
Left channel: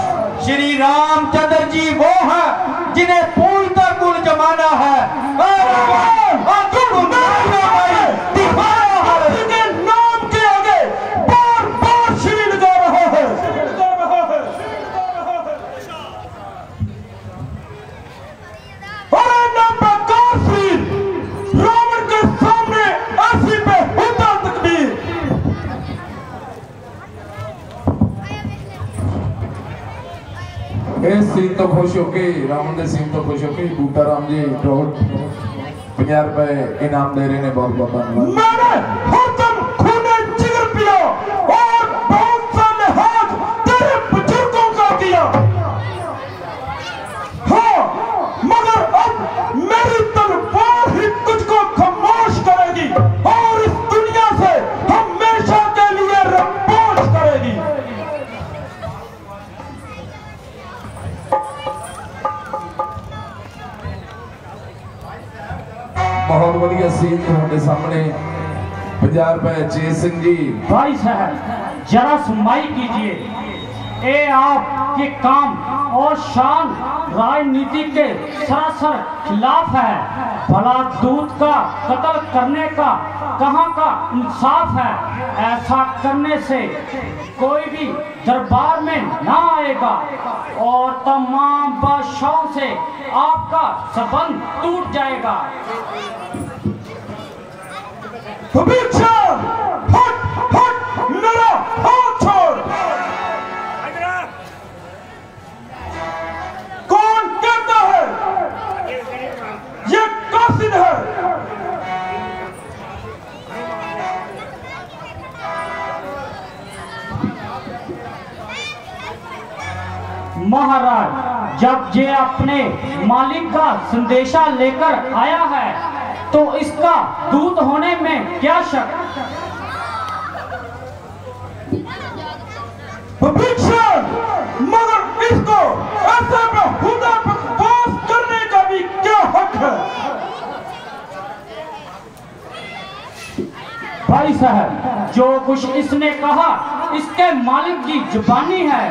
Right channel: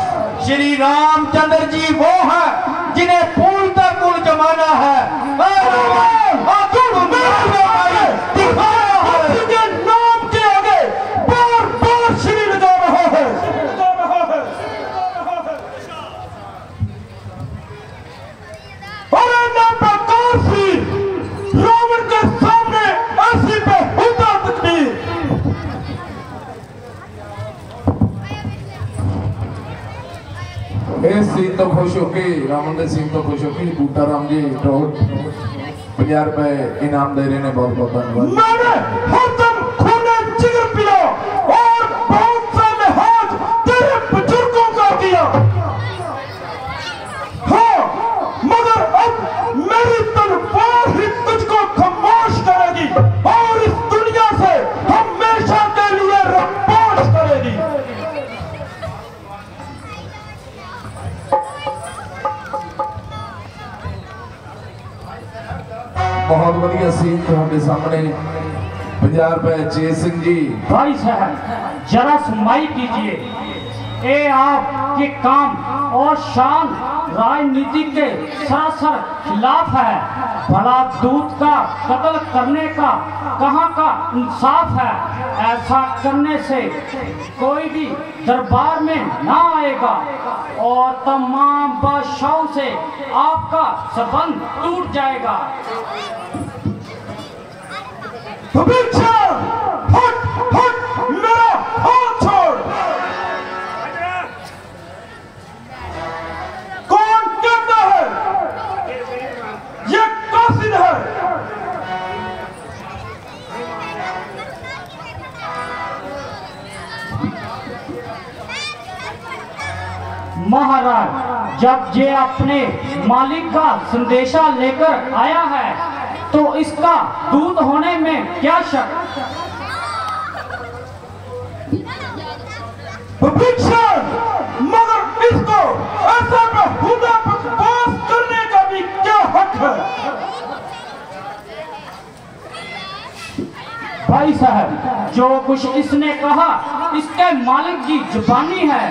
श्री रामचंद्र जी वो है जिन्हें फूल का कुल जमाना है। नाम के आगे बार बार श्री लगा रहा है। अरे ना प्रकाश रावण के सामने ऐसी बेहुदा सीन तो खुश होके रामन के सीन तो खुश होके बूटा राम जी ड्रोन 50 रुपए इनाम दे रहे हैं। बहुत बहुत धन्यवाद। मैंने हरदम खूने जिगर पिया और बहुत सा लिहाज तेरे बुजुर्गों का किया। हाँ, मगर अब मेरी तलवार ही तुझको खामोश करेगी और इस दुनिया से हमेशा के लिए रपोश करेगी। बहुत बढ़िया सीन तुम्हारे सामने 50 रुपए जय सिंह जी। भाई साहब जरा सुनवाई कीजिए। ये आपके काम और शान राजनीति के सरासर खिलाफ है। भला दूत का कत्ल करने का कहाँ का इंसाफ है। ऐसा करने से कोई भी दरबार में ना आएगा और तमाम बादशाहों से आपका संबंध टूट जाएगा। हट हट मेरा हाथ छोड़। कौन कहता है ये कासिद है? महाराज जब ये अपने मालिक का संदेशा लेकर आया है तो इसका दूत होने में क्या शक। मगर इसको ऐसे बेहुदा बकवास करने का भी क्या हक है? भाई साहब जो कुछ इसने कहा इसके मालिक की जुबानी है।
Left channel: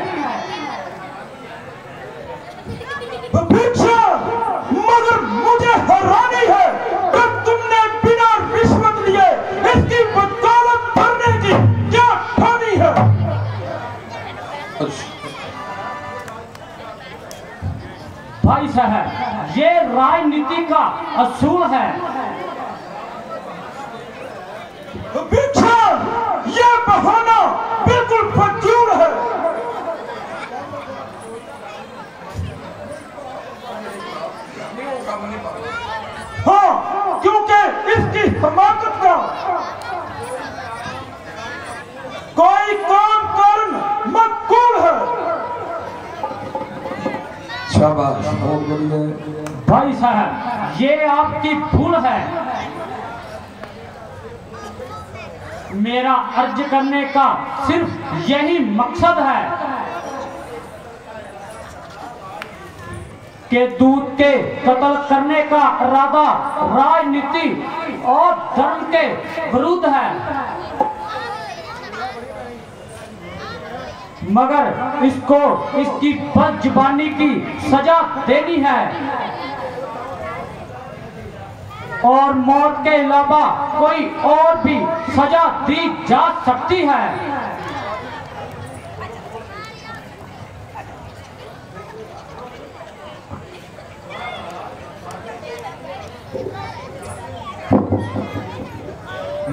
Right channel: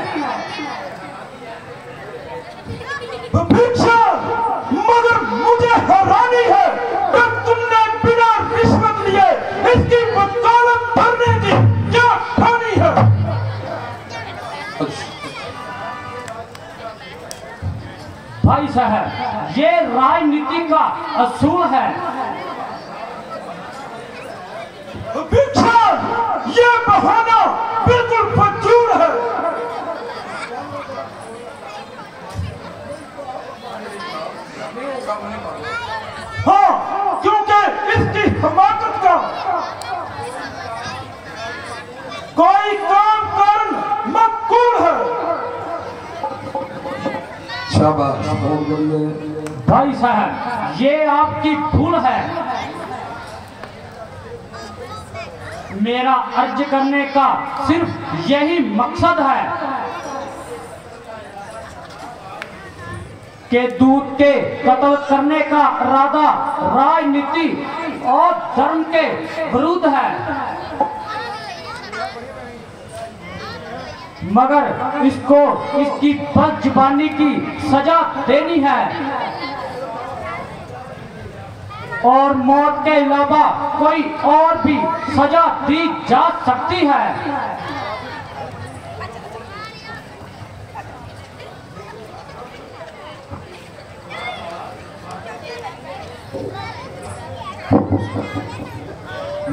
मगर मुझे हैरानी है कि तुमने बिना रिश्वत लिए इसकी वकालत करने की क्या ठानी है? भाई साहब ये राजनीति का असूल है। ये बहाना बिल्कुल फजूल है। हाँ, क्योंकि इसकी हमाकत का कोई काम कारण मकबूल है। शाबाश, बहुत बढ़िया। भाई साहब ये आपकी भूल है। मेरा अर्ज करने का सिर्फ यही मकसद है कि दूत के कत्ल करने का इरादा राजनीति और धर्म के विरुद्ध है। मगर इसको इसकी बदजुबानी की सजा देनी है और मौत के अलावा कोई और भी सजा दी जा सकती है।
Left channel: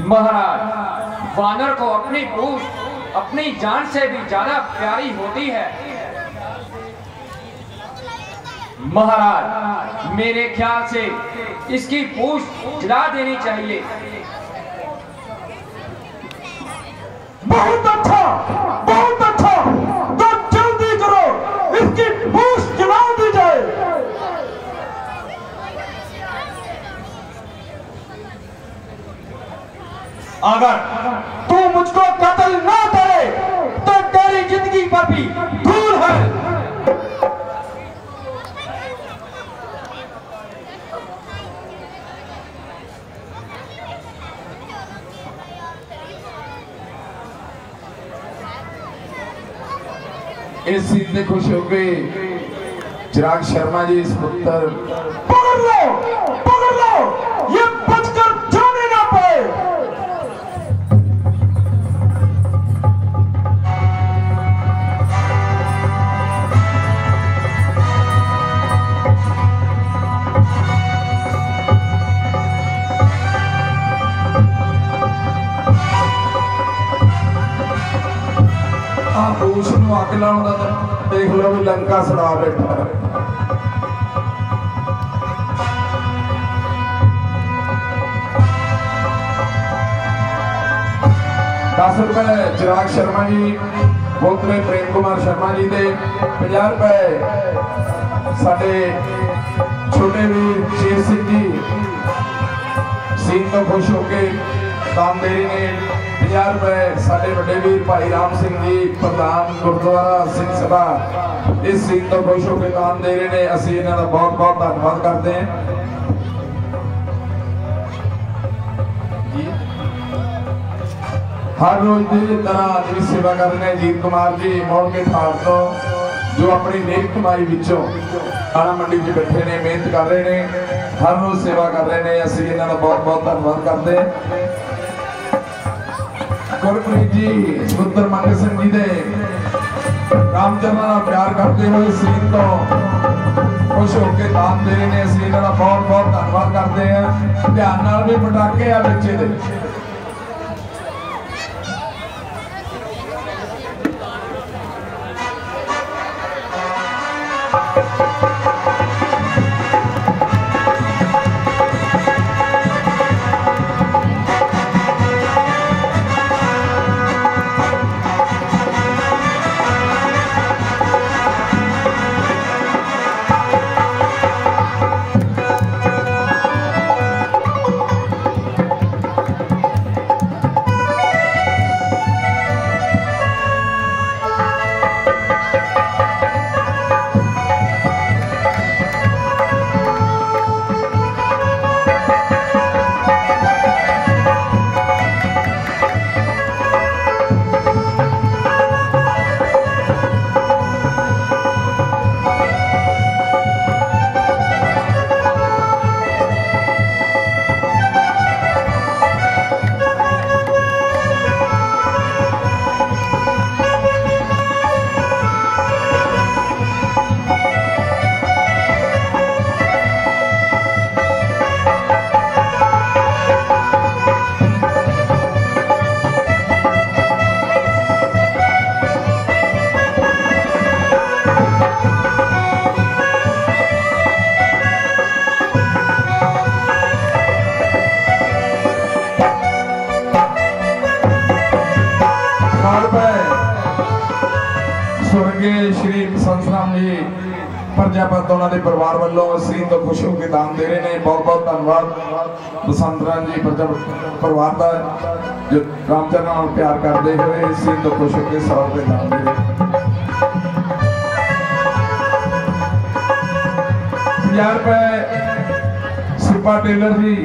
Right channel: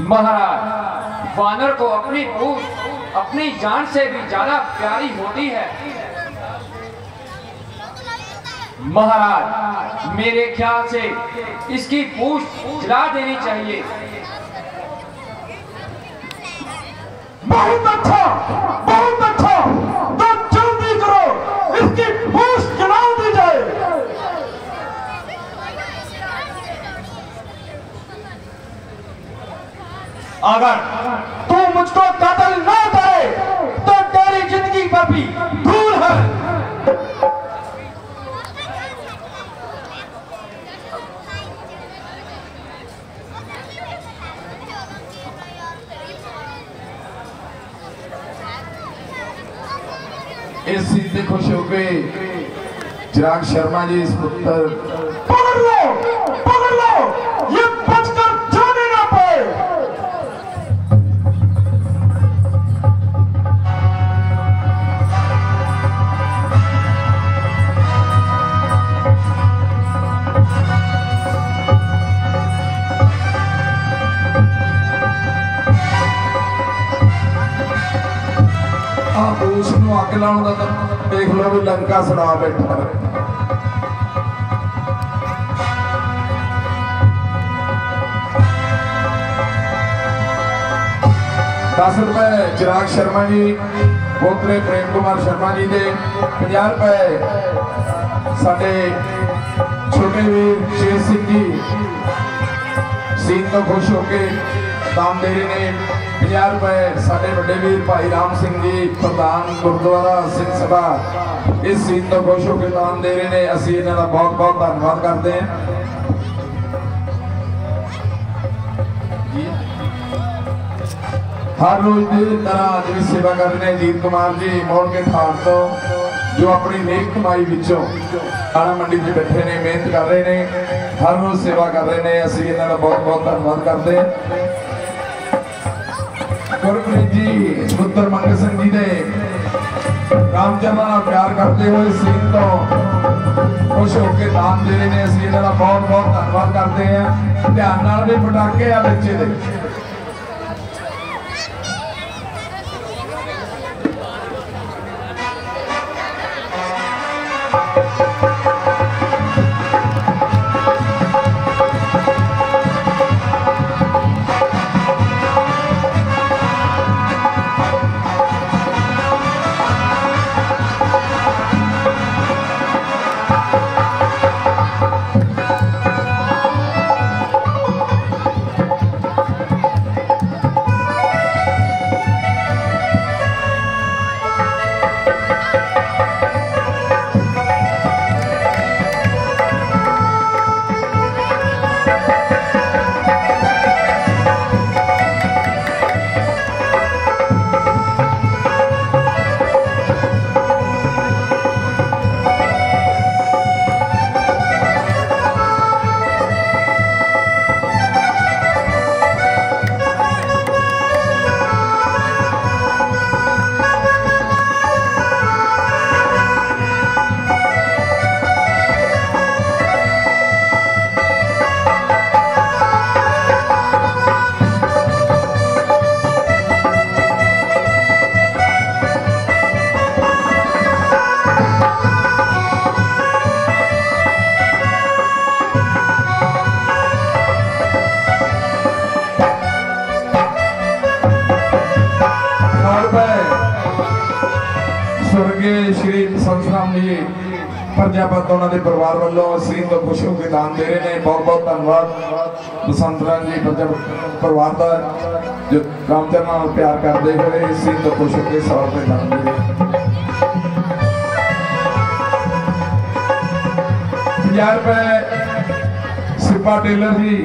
महाराज वानर को अपनी पूंछ अपनी जान से भी ज्यादा प्यारी होती है। महाराज मेरे ख्याल से इसकी पूंछ जला देनी चाहिए। बहुत अच्छा, बहुत अच्छा। तो जल्दी करो, इसकी पूंछ जला दी जाए। अगर तू मुझको कत्ल ना करे तो तेरी जिंदगी पर भी धूल है। इस चीज से खुश हो गए चिराग शर्मा जी, इस पुत्र पकड़ लो, ये बचकर जाने ना पाए। पूछ नूं अग लाउण दा तां देख लो भी लंका सड़ा बैठा है। 10 रुपए चिराग शर्मा जी, पोतरे प्रेम कुमार शर्मा जी दे, 50 रुपए साडे छोटे वीर शेर सिंह जी सीन तो खुश होके दान दे रहे ने। 50 रुपए साडे वड्डे वीर भाई राम सिंह जी प्रधान गुरुद्वारा सिंह सभा इस सीन तो खुश होके दान दे रहे ने। असीं इन्हां दा बहुत बहुत धन्नवाद करते हैं। हर रोज की तरह अज भी सेवा कर रहे हैं जीत कुमार जी मोड़ के ठाड़ तो, जो अपनी नेक कमाई विचों दाणा मंडी च बैठे ने, मेहनत कर रहे हैं, हर रोज सेवा कर रहे हैं। असीं इन्हां दा बहुत बहुत धन्नवाद करते हैं। गुरप्रीत जी पुत्र मंगल सिंह जी दे रामचंद्र नाल प्यार करते हुए सीन तो खुश होकर दान दे रहे हैं। असीं इन्हां दा बहुत बहुत धन्नवाद करते हैं। ध्यान नाल भी पटाके आ बच्चे दे प्रजापत उन्होंने परिवार वालों सीन तो खुश होकर दान दे रहे हैं। बहुत बहुत धन्यवाद बसंतरा जी प्रजापत परिवार का, जो रामचंद्र नाल प्यार करते हुए सीन तो खुश होकर 100 रुपए दान दे रहे। 50 रुपए सिपा टेलर जी,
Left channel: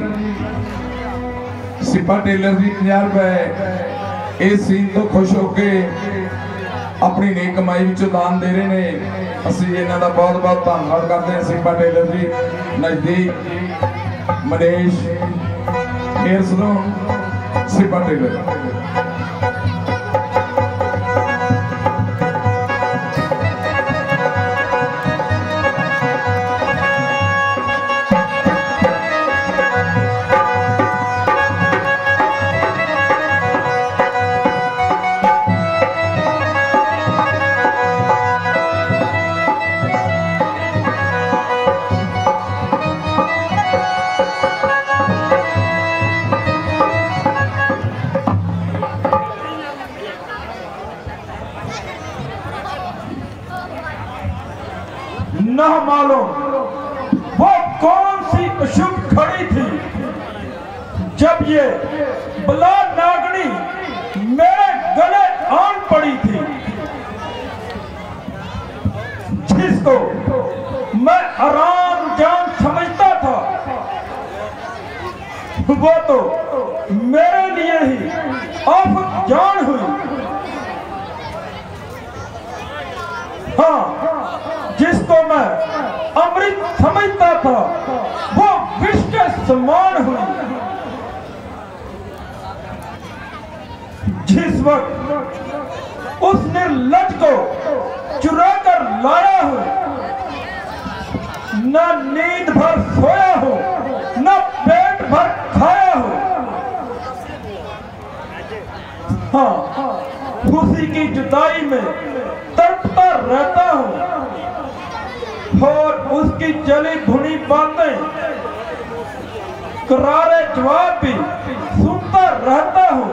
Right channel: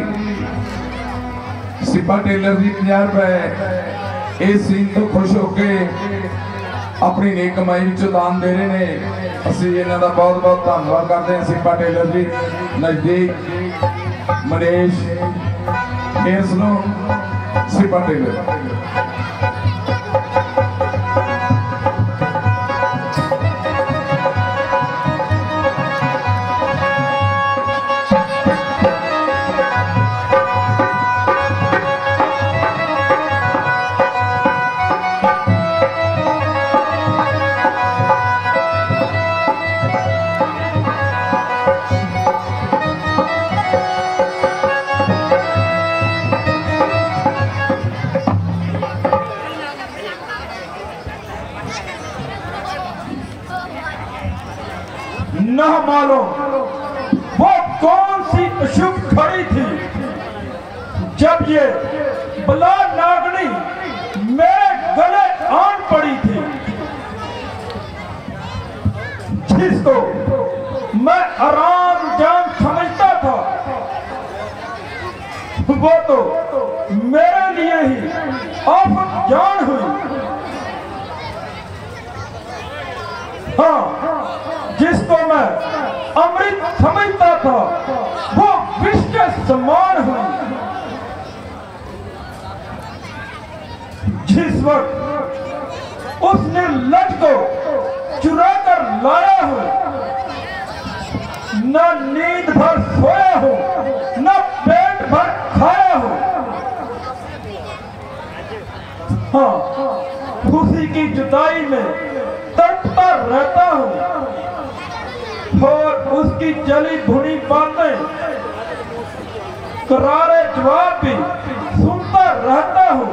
सिपा टेलर जी 50 रुपए इस सीन तो खुश होकर अपनी नेक कमाई विचों दान दे रहे हैं। असीं इन्हां दा बहुत बहुत धन्नवाद करते हैं। सिपा टेलर जी नजदीक मनेश हेयर सलून सिपा टेलर। न मालूम वो कौन सी अशुभ खड़ी थी जब ये बला नागनी मेरे गले आन पड़ी थी, जिसको मैं आराम जान समझता था वो तो मेरे लिए ही आफत जान हुई। हाँ, जिसको मैं अमृत समझता था वो विष के समान हुई। जिस वक्त उस निर्लज को चुरा कर लाया हो, न नींद भर सोया हो, न पेट भर खाया हो। हाँ, खुशी की जुदाई में तड़पता रहता हूँ और उसकी जली भुनी बातें करारे जवाब भी सुनता रहता हूँ।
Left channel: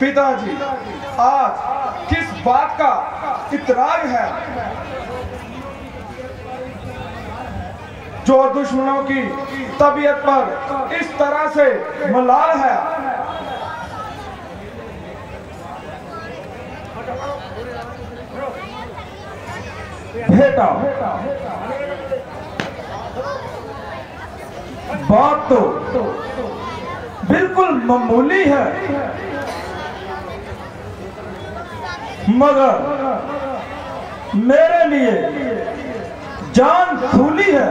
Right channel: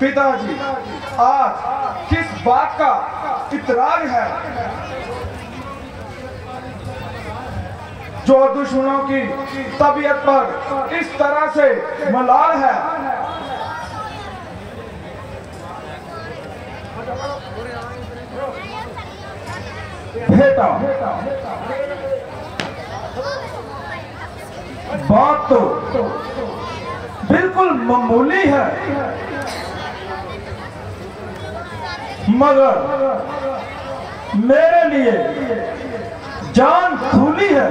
पिताजी, आज किस बात का इतराज है जो दुश्मनों की तबीयत पर इस तरह से मलाल है? बेटा, बात तो बिल्कुल मामूली है, मगर मेरे लिए जान खूली है।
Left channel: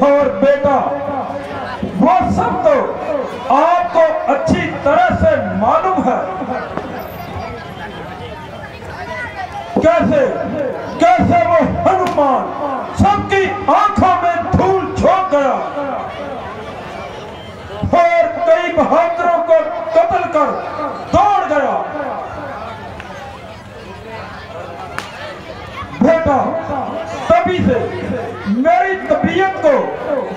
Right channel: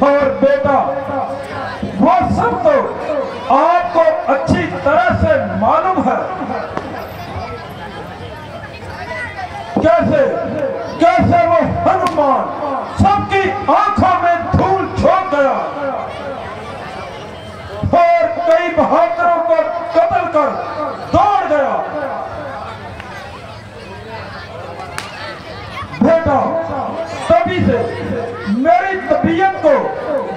और बेटा, वो सब तो आपको अच्छी तरह से मालूम है। कैसे कैसे वो हनुमान सबकी आंखों में धूल झोंक गया और कई बहादुरों को कत्ल कर दौड़ गया। बेटा, तभी से मेरी तबीयत को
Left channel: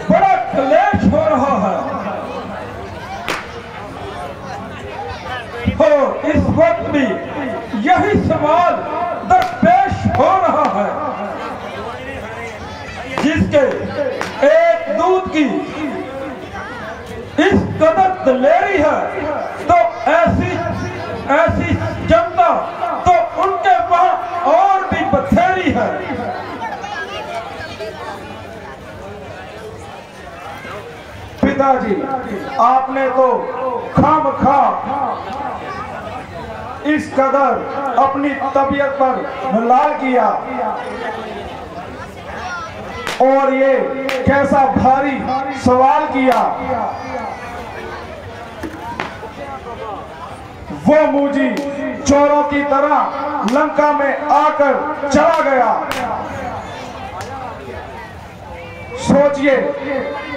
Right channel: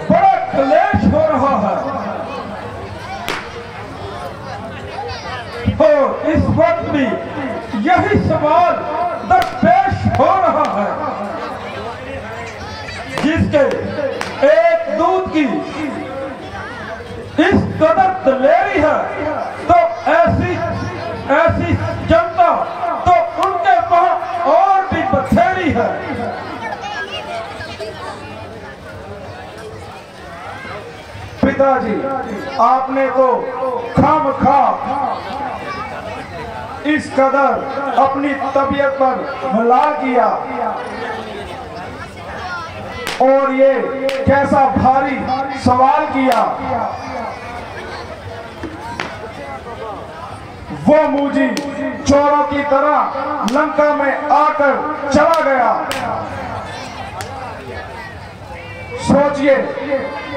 बड़ा क्लेश हो रहा है और इस वक्त भी यही सवाल दरपेश हो रहा है, जिसके एक दूत की इस कदर दलेरी है तो ऐसी जनता तो उनके वहां और भी बथेरी है। पिताजी, आपने तो खामखा इस कदर अपनी तबीयत पर हमला किया और ये कैसा भारी सवाल किया। वो मुझे चोरों की तरह लंका में आकर चला गया। सोचिए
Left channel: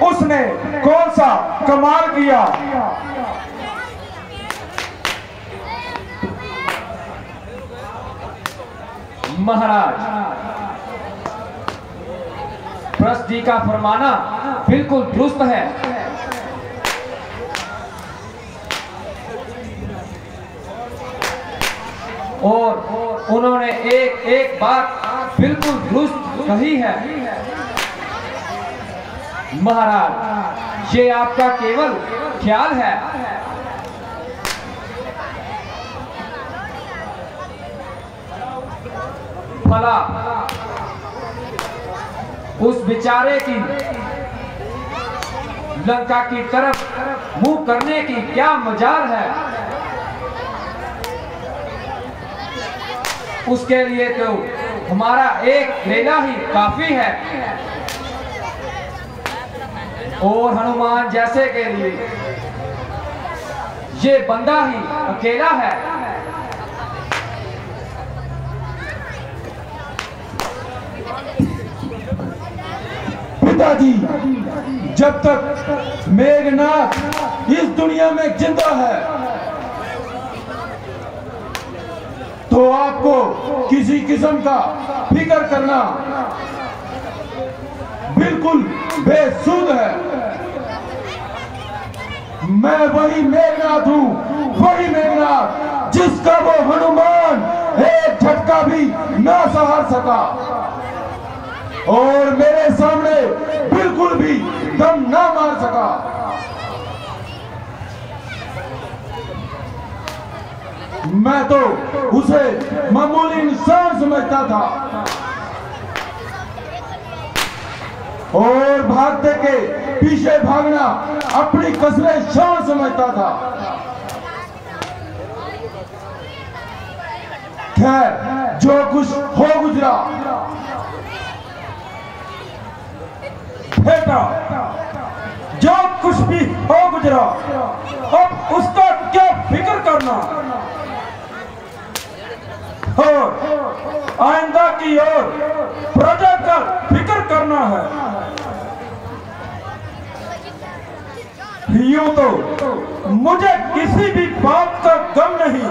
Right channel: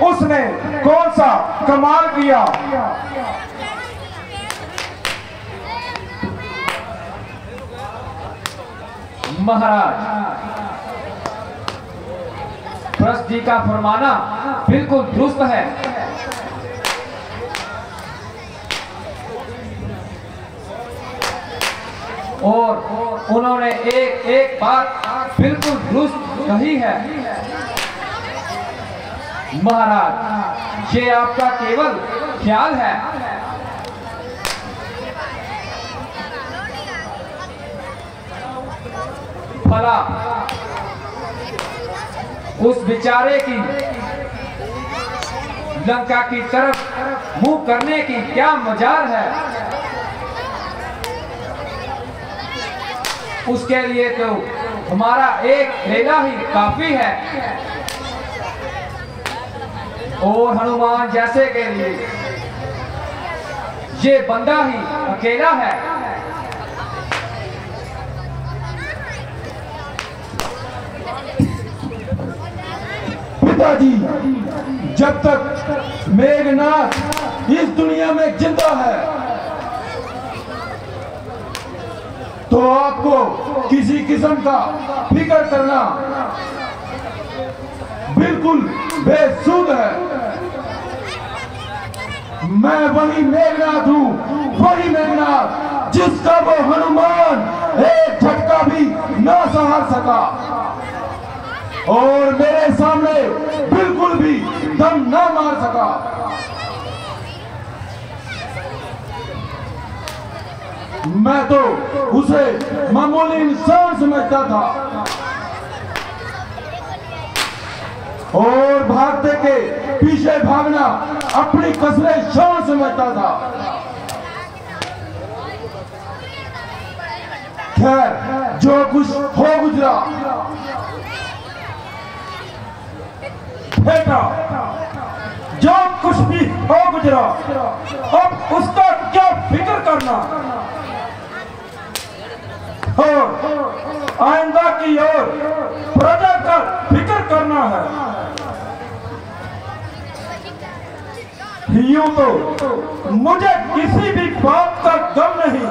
उसने कौन सा कमाल किया। महाराज, प्रस्त जी का फरमाना बिल्कुल दुरुस्त है। और उन्होंने एक बात बिल्कुल दुरुस्त कही है। महाराज, ये आपका केवल ख्याल है। भला उस बेचारे की लंका की तरफ मुंह करने की क्या मजाल है? उसके लिए तो हमारा एक लेला ही काफी है और हनुमान जैसे के लिए ये बंदा ही अकेला है। पिताजी, जब तक मेघनाथ इस दुनिया में जिंदा है तो आपको किसी किस्म का फिक्र करना बिल्कुल बेसुध है। मैं वही मेघनाथ हूँ, वही मेघनाथ जिसका वो हनुमान एक झटका भी ना सहार सका और मेरे सामने बिल्कुल भी दम ना मार सका। मैं तो उसे मामूली इंसान समझता था और भागते के पीछे भागना अपनी कसरे शान समझता था। खैर, जो कुछ हो गुजरा। बेटा, जो कुछ कुछ भी हो गुजरा, अब उसका क्या फिक्र करना। और आइंदा की ओर प्रजा का फिक्र करना है। यूं तो मुझे किसी भी बात का गम नहीं,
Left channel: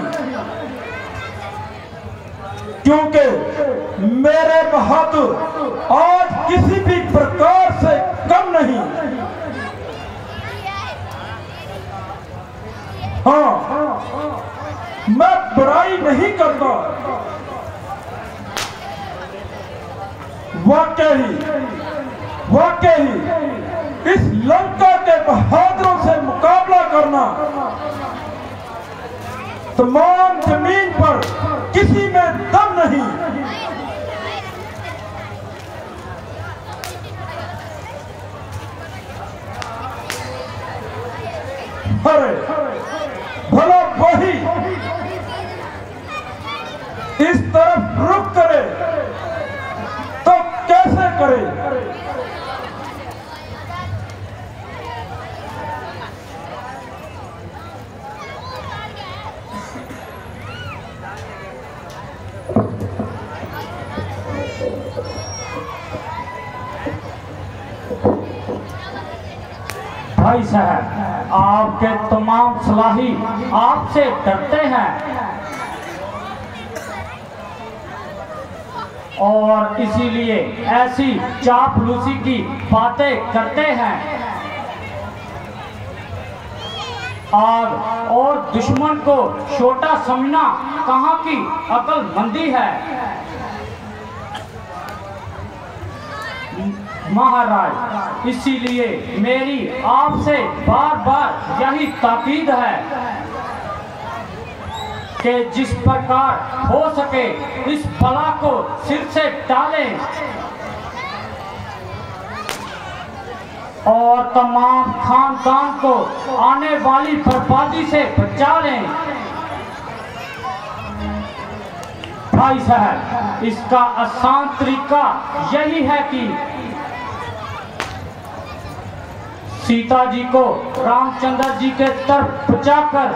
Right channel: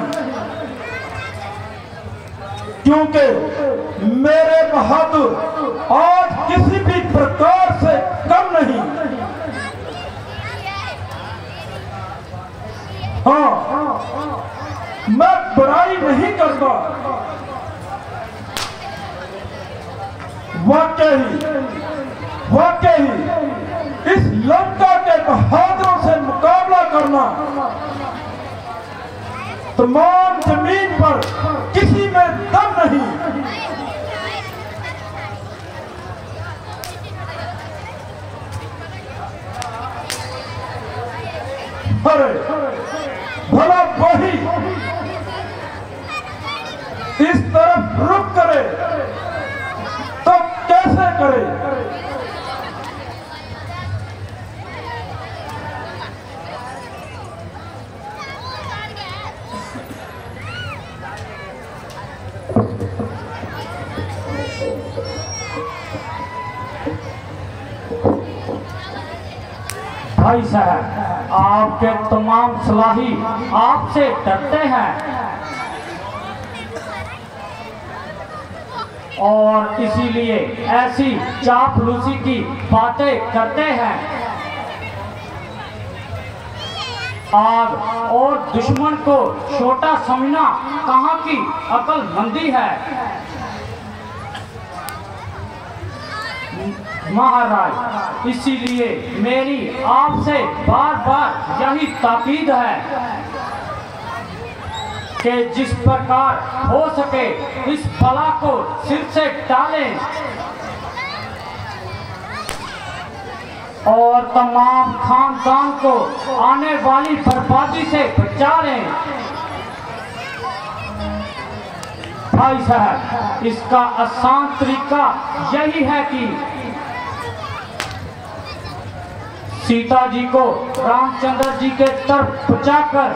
क्योंकि मेरे बहादुर आज किसी भी प्रकार से कम नहीं। हाँ, मैं बुराई नहीं करता। वाकई इस लंका के बहादुरों से मुकाबला करना तमाम जमीन पर किसी में दम नहीं। अरे भला वही इस तरफ रुक करे तो कैसे करे। भाई साहब, आपके तमाम सलाही आपसे डरते हैं और इसीलिए ऐसी चापलूसी की बातें करते हैं। आग और दुश्मन को छोटा समझना कहाँ की अक्लमंदी है। महाराज, इसीलिए मेरी आपसे बार बार यही ताकीद है कि जिस प्रकार हो सके इस बला को सिर से टालें और तमाम खानदान को आने वाली बर्बादी से बचा लें। भाई साहब, इसका आसान तरीका यही है कि सीता जी को रामचंद्र जी के तरफ बचाकर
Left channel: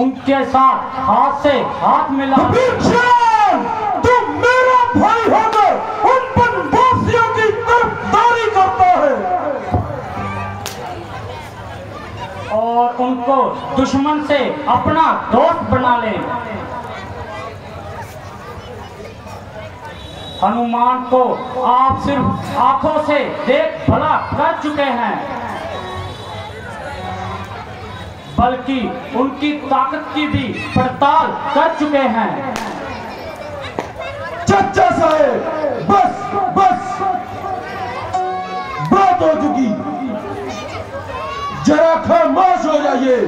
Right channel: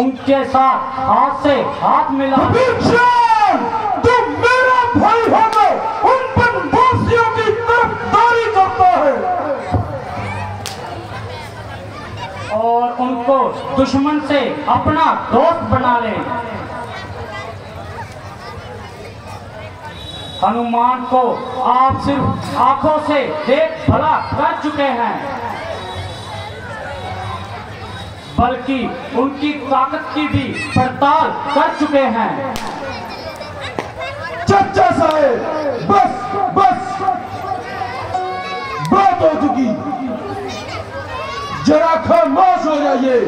उनके साथ हाथ से हाथ मिला। तुम मेरा भाई होकर उन बदमाशियों की तरफदारी करता है और उनको दुश्मन से अपना दोस्त बना ले। हनुमान को आप सिर्फ आंखों से देख भला कर चुके हैं, बल्कि उनकी ताकत की भी पड़ताल कर चुके हैं। चाचा साहेब, बस बात हो चुकी, जरा खामोश हो जाइए।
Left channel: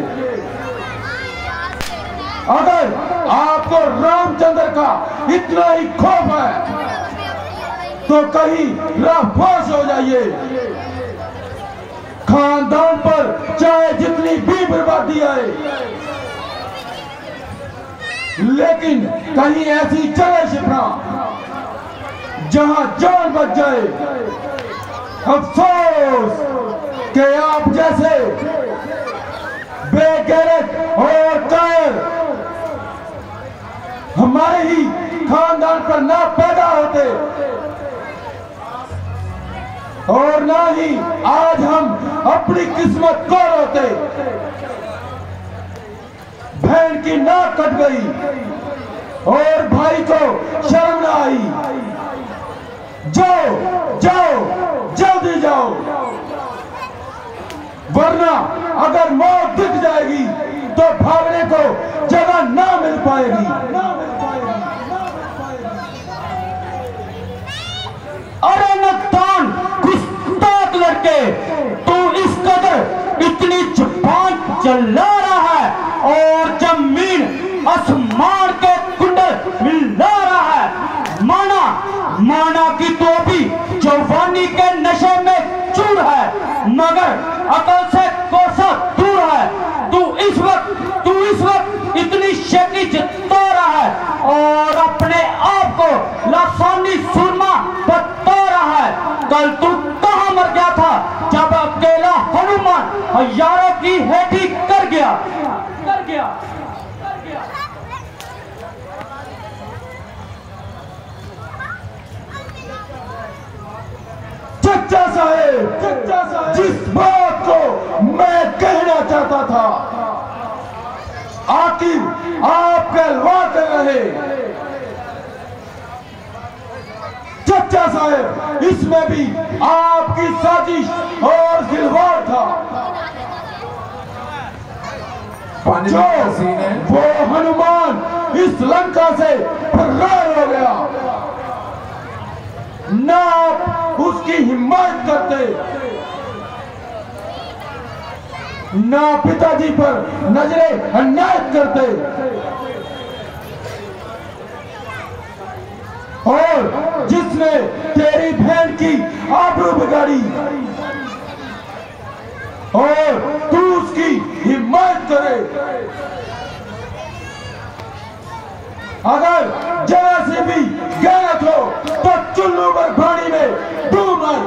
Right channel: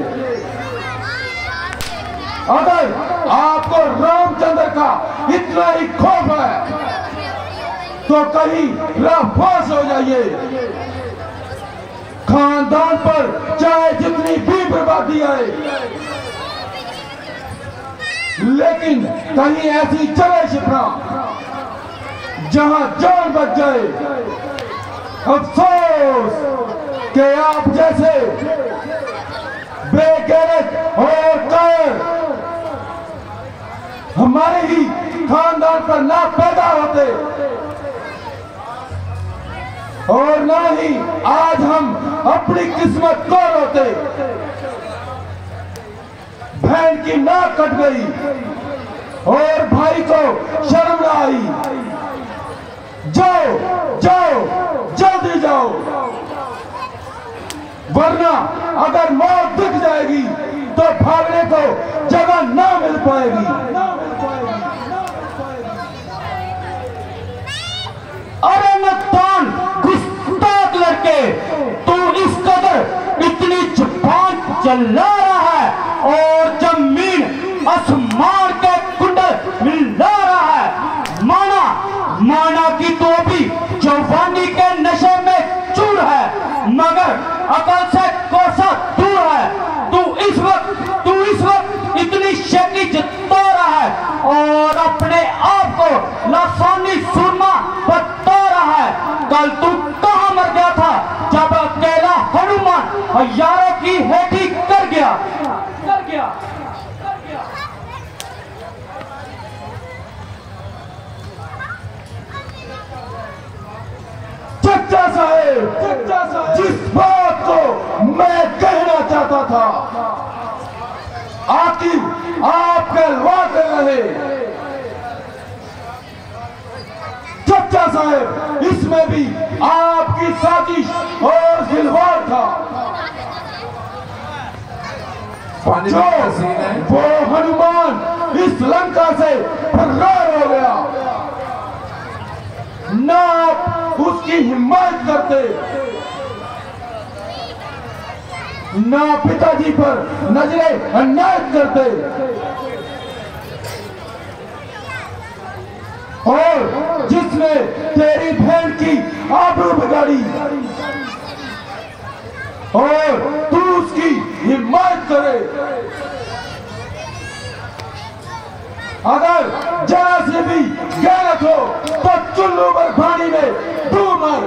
अगर आपको रामचंद्र का इतना ही खौफ है तो कहीं खामोश हो जाइए। खानदान पर चाहे जितनी भी बर्बादी आए, लेकिन कहीं ऐसी जगह छिपना जहां जान बच जाए। अफसोस कि आप जैसे बेगैरत और कायर हमारे ही खानदान पर ना पैदा होते और ना ही आज हम अपनी किस्मत को रोते। बहन की नाक कट गई और भाई को शर्म न आई। जाओ जाओ, जल्दी जाओ, वरना अगर मौत दिख जाएगी तो भागने को जगह ना मिल पाएगी। अरे नक्तान, गुस्ताख लड़के, तू इस कदर इतनी जुबान चला रहा है और जमीन आसमान के कुंडल मिला रहा है। माना कि तो भी जवानी के नशे में चूर है, मगर अकल से कोसा दूर है। तू इस वक्त इतनी शक्ति जता रहा है और अपने आप को लासानी सुरमा बता रहा है। कल तू कहाँ मर गया था मुसलमान यारों की हेडी कर गया। चचा साहेब, जिस बात को मैं कहना चाहता था आखिर आप कहलवाते रहे। चचा साहेब, इसमें भी आपकी साजिश और खिलवाड़ था। जो वो हनुमान इस लंका से फरार हो गया, ना आप उसकी हिम्मत करते, ना पिताजी पर नजरे अन्याय करते, और जिसने तेरी बहन की आबरू बिगाड़ी और तू उसकी हिम्मत करे। अगर जरा से भी गलत हो तो चुल्लू पर पानी में डूब मर।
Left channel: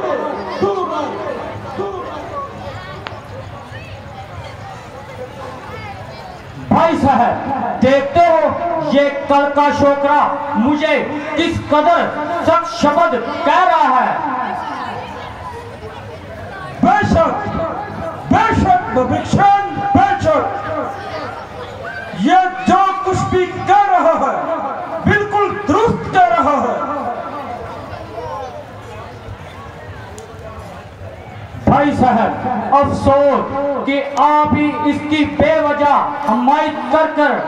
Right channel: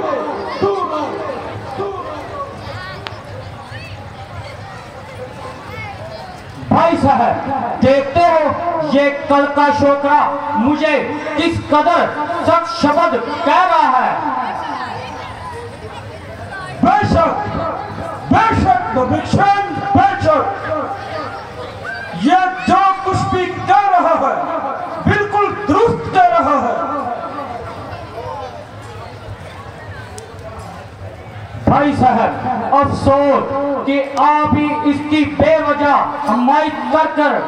भाई साहब, देखते हो ये कल का छोकरा मुझे किस कदर सख्त शब्द कह रहा है। बेशक बेशक बेशक, ये जो कुछ भी कह रहा है बिल्कुल दुरुस्त कह रहा है। भाई साहब, अफसोस कि आप ही इसकी बेवजह हमायत कर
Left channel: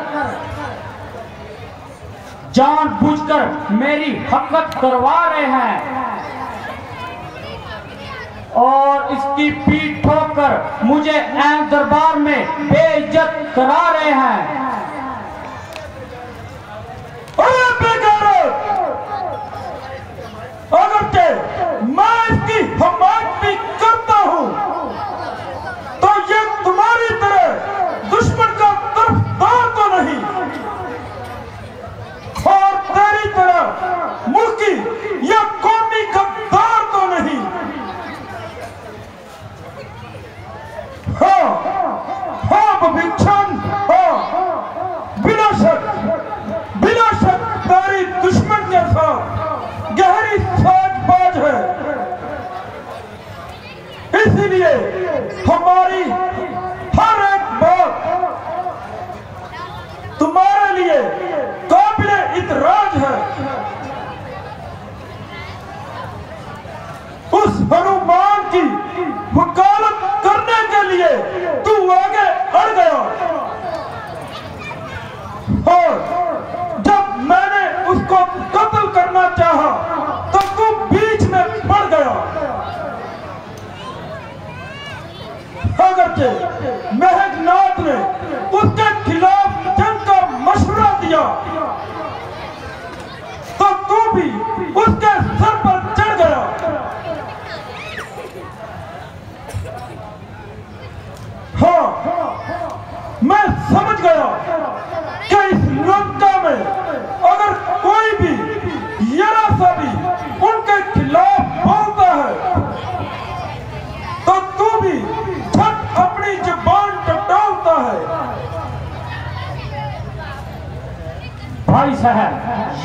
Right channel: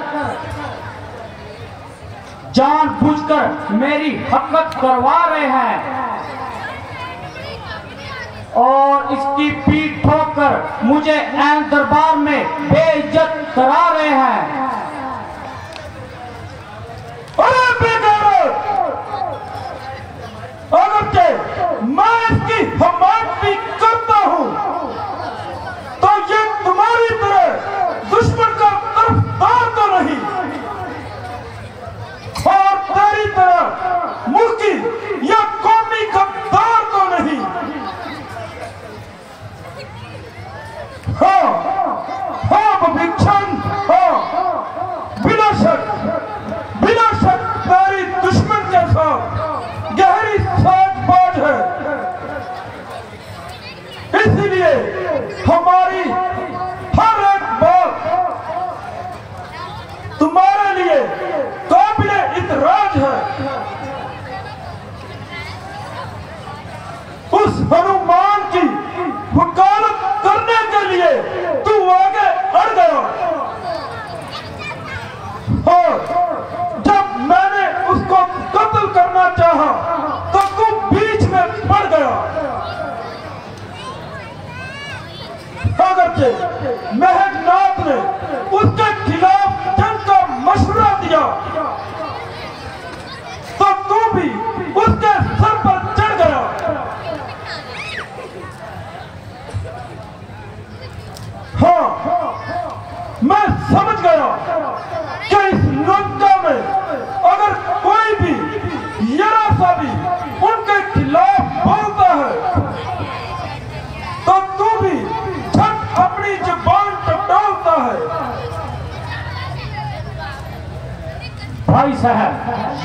जानबूझकर मेरी हरकत करवा रहे हैं और इसकी पीठ ठोकर मुझे ऐन दरबार में बेइज्जत करा रहे हैं। अगर मैं इसकी हिमायत भी करता हूं तो ये तुम्हारी तरह दुश्मन का तरफदार तो नहीं, और तेरी तरह मुल्की या कौमी गद्दार तो नहीं। हाँ भविष्यन, हाँ, बिला शक तेरी दुश्मन जैसा गहरी साजबाज है। इसलिए हमारी हर एक बात तुम्हारे लिए काबिले इतराज है। उस हनुमान की वकालत करने के लिए तू आगे अड़ गया, और जब मैंने उसको कत्ल करना चाहा तो तू बीच में पड़ गया। अगरचे मेघनाथ ने उसके खिलाफ जंग का मशवरा दिया तो तू भी उसके सर पर चढ़ गया। हाँ, मैं समझ गया कि इस लंका में अगर कोई भी जरा सा भी उनके खिलाफ बोलता है तो तू भी झट अपनी जुबान टटोलता है। भाई साहब,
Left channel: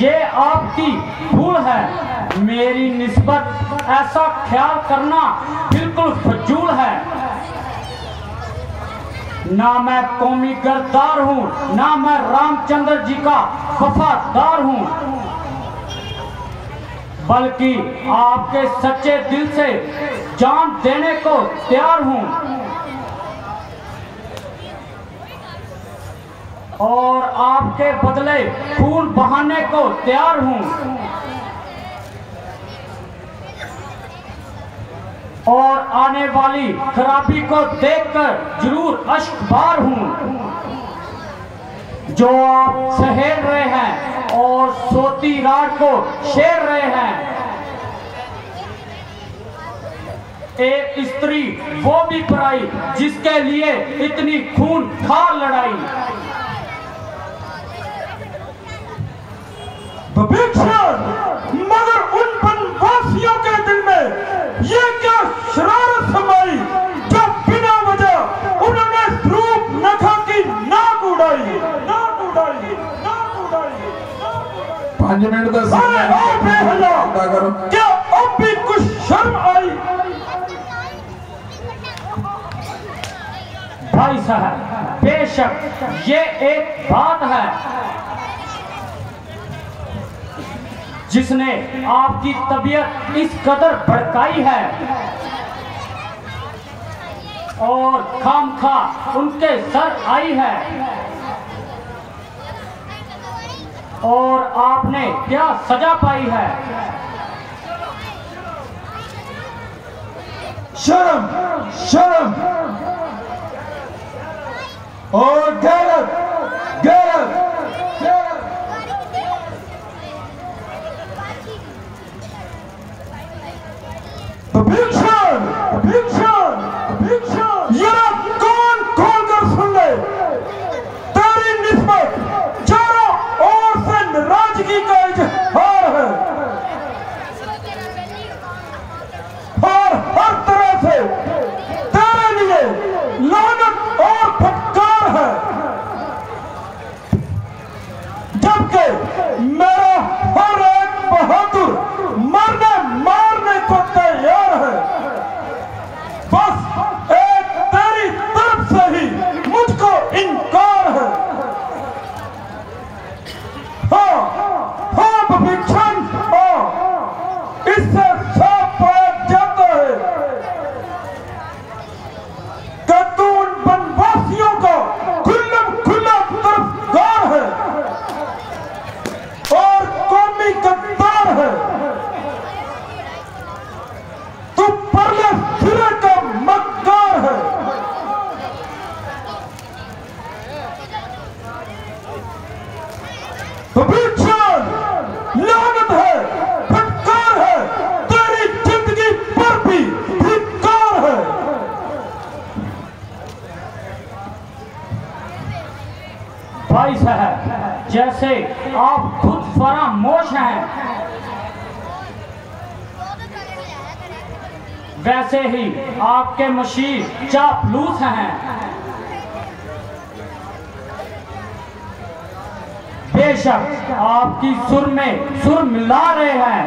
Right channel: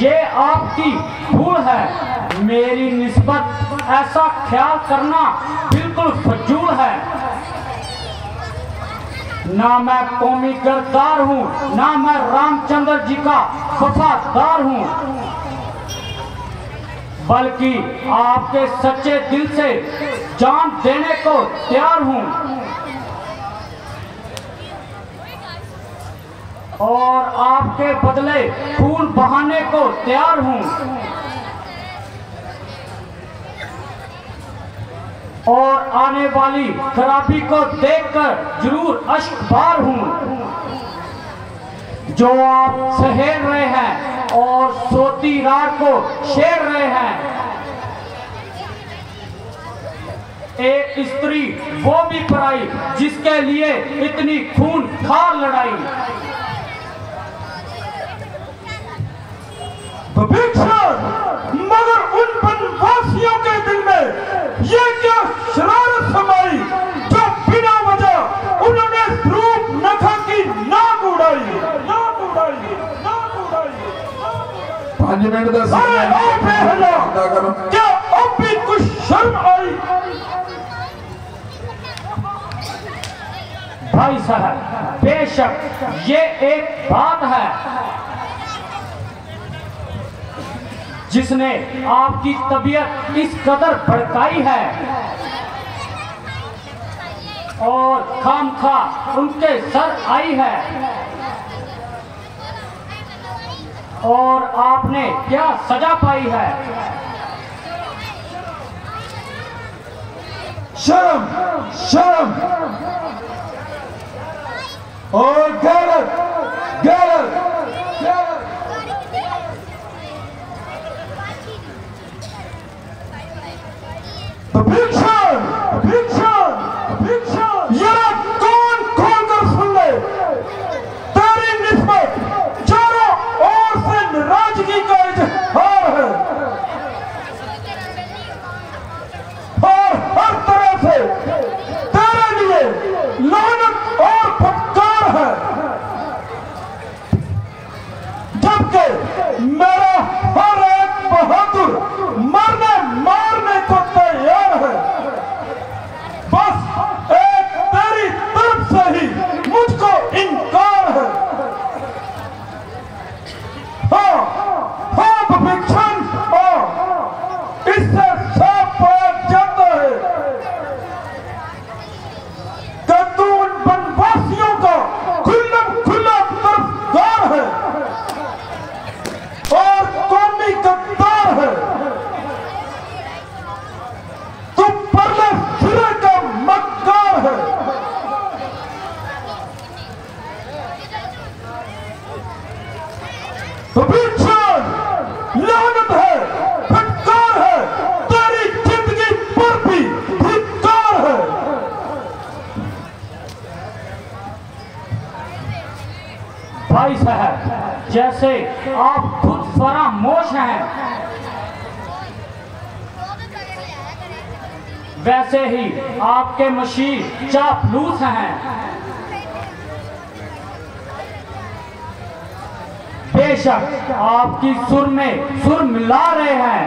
ये आपकी भूल है। मेरी निस्बत ऐसा ख्याल करना बिल्कुल फजूल है। ना मैं कौमी गद्दार हूँ, ना मैं रामचंद्र जी का वफादार हूँ, बल्कि आपके सच्चे दिल से जान देने को तैयार हूँ और आपके बदले खून बहाने को तैयार हूँ और आने वाली खराबी को देखकर जरूर अश्कबार हूँ जो आप सहेल रहे हैं और सोती रात को छेड़ रहे हैं। एक स्त्री वो भी पराई जिसके लिए इतनी खून खार लड़ाई। मगर उन वनवासियों के दिल में ये क्या शरारत समाई जो बिना 5 मिनट का अरे आप बेहया, करो। क्या अब भी कुछ शर्म आई? भाई साहब बेशक ये एक बात है जिसने आपकी तबीयत इस कदर भड़काई है और खामखा उनके सर आई है, और आपने क्या सजा पाई है? शर्म, शर्म और गैरत, गैरत, गैरत। भीषण, भीषण, भीषण। यह कान खोलकर सुन ले, तेरी निस्बत चारों ओर से नाराजगी का इजहार है और हर तरह से तेरे लिए लानत और फटकार है, जबकि मेरा हर एक बहादुर मरने मारने को तैयार है। बस एक तेरी तरफ से ही मुझको इनकार है। हाँ, हाँ भीषण, हाँ, इससे साफ पाया जाता है कि तू उन वनवासियों का खुला तरफदार है और कौमी गद्दार है। तू परले सिरे का मक्कार है। तो भीषण, लानत है, फटकार है, तेरी जिंदगी पर भी धिक्कार है। भाई साहब जैसे आप खुद फरामोश हैं वैसे ही आपके मशीर चापलूस हैं। बेशक आपकी सुर में सुर मिला रहे हैं,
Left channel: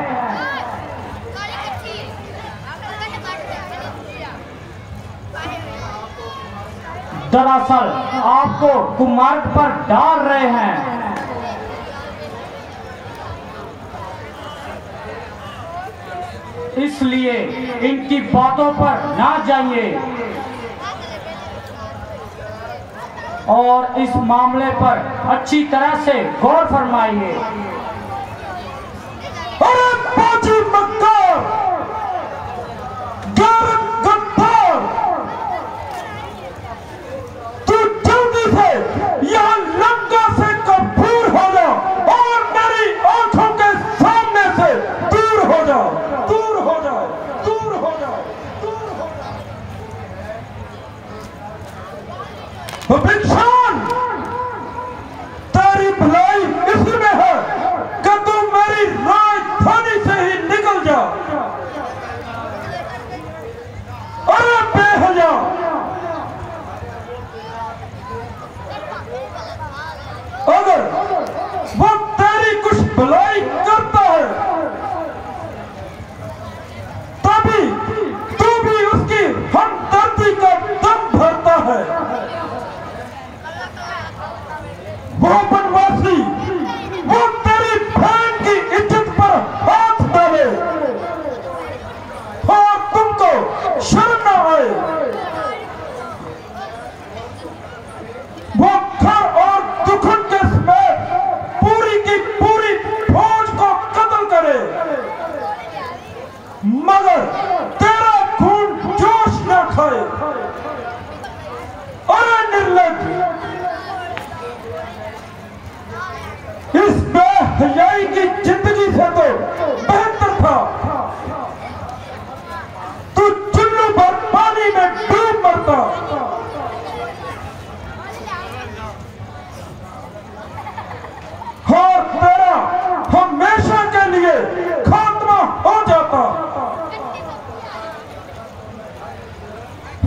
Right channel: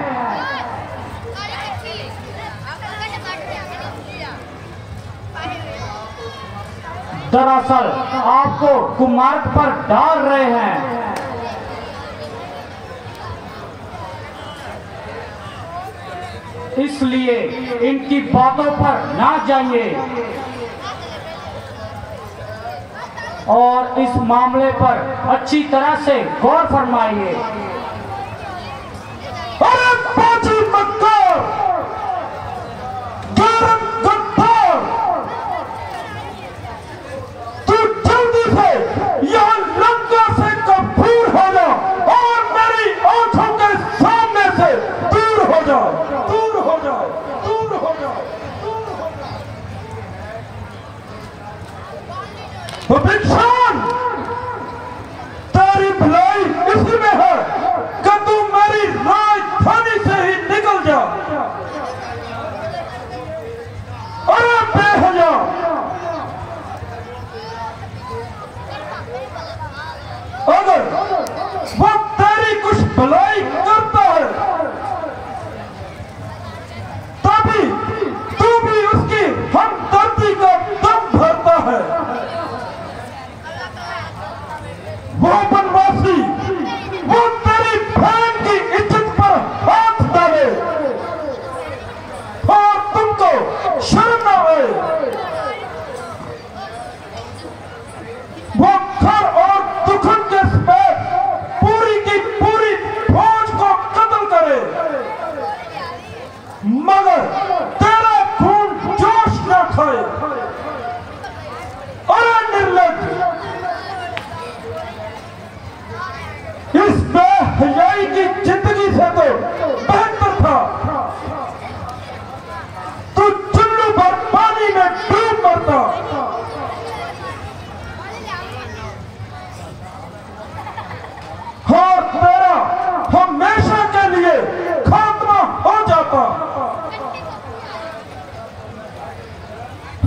दरअसल आपको कुमार्ग पर डाल रहे हैं। इसलिए इनकी बातों पर ना जाइए और इस मामले पर अच्छी तरह से गौर फरमाइए। अरे बाजी मक्कार, गैरत गद्दार, तू जल्दी से यहाँ लंका से कपूर हो जा और मेरी आंखों के सामने से दूर हो जा, दूर हो जा, दूर हो जा, दूर हो जा। तो भीषण, तेरी भलाई इसमें है कि तू मेरी राजधानी से ही निकल जा। अरे बेहया, अगर वो तेरी कुछ भलाई करता है तभी तू भी उसकी हमदर्दी का दम भरता है। वो वनवासी, वो तेरी बहन की इज्जत पर हाथ डाले और तुमको शर्म न आए, वो घर और दुखन के समेत पूरी की पूरी फौज को कत्ल करे, मगर तेरा खून जोश न खाए। अरे निर्लज, इस बेहयाई की जिंदगी से तो बेहतर था तू चुल्लू भर पानी में डूब मरता। और तेरा हमेशा के लिए खात्मा हो जाता।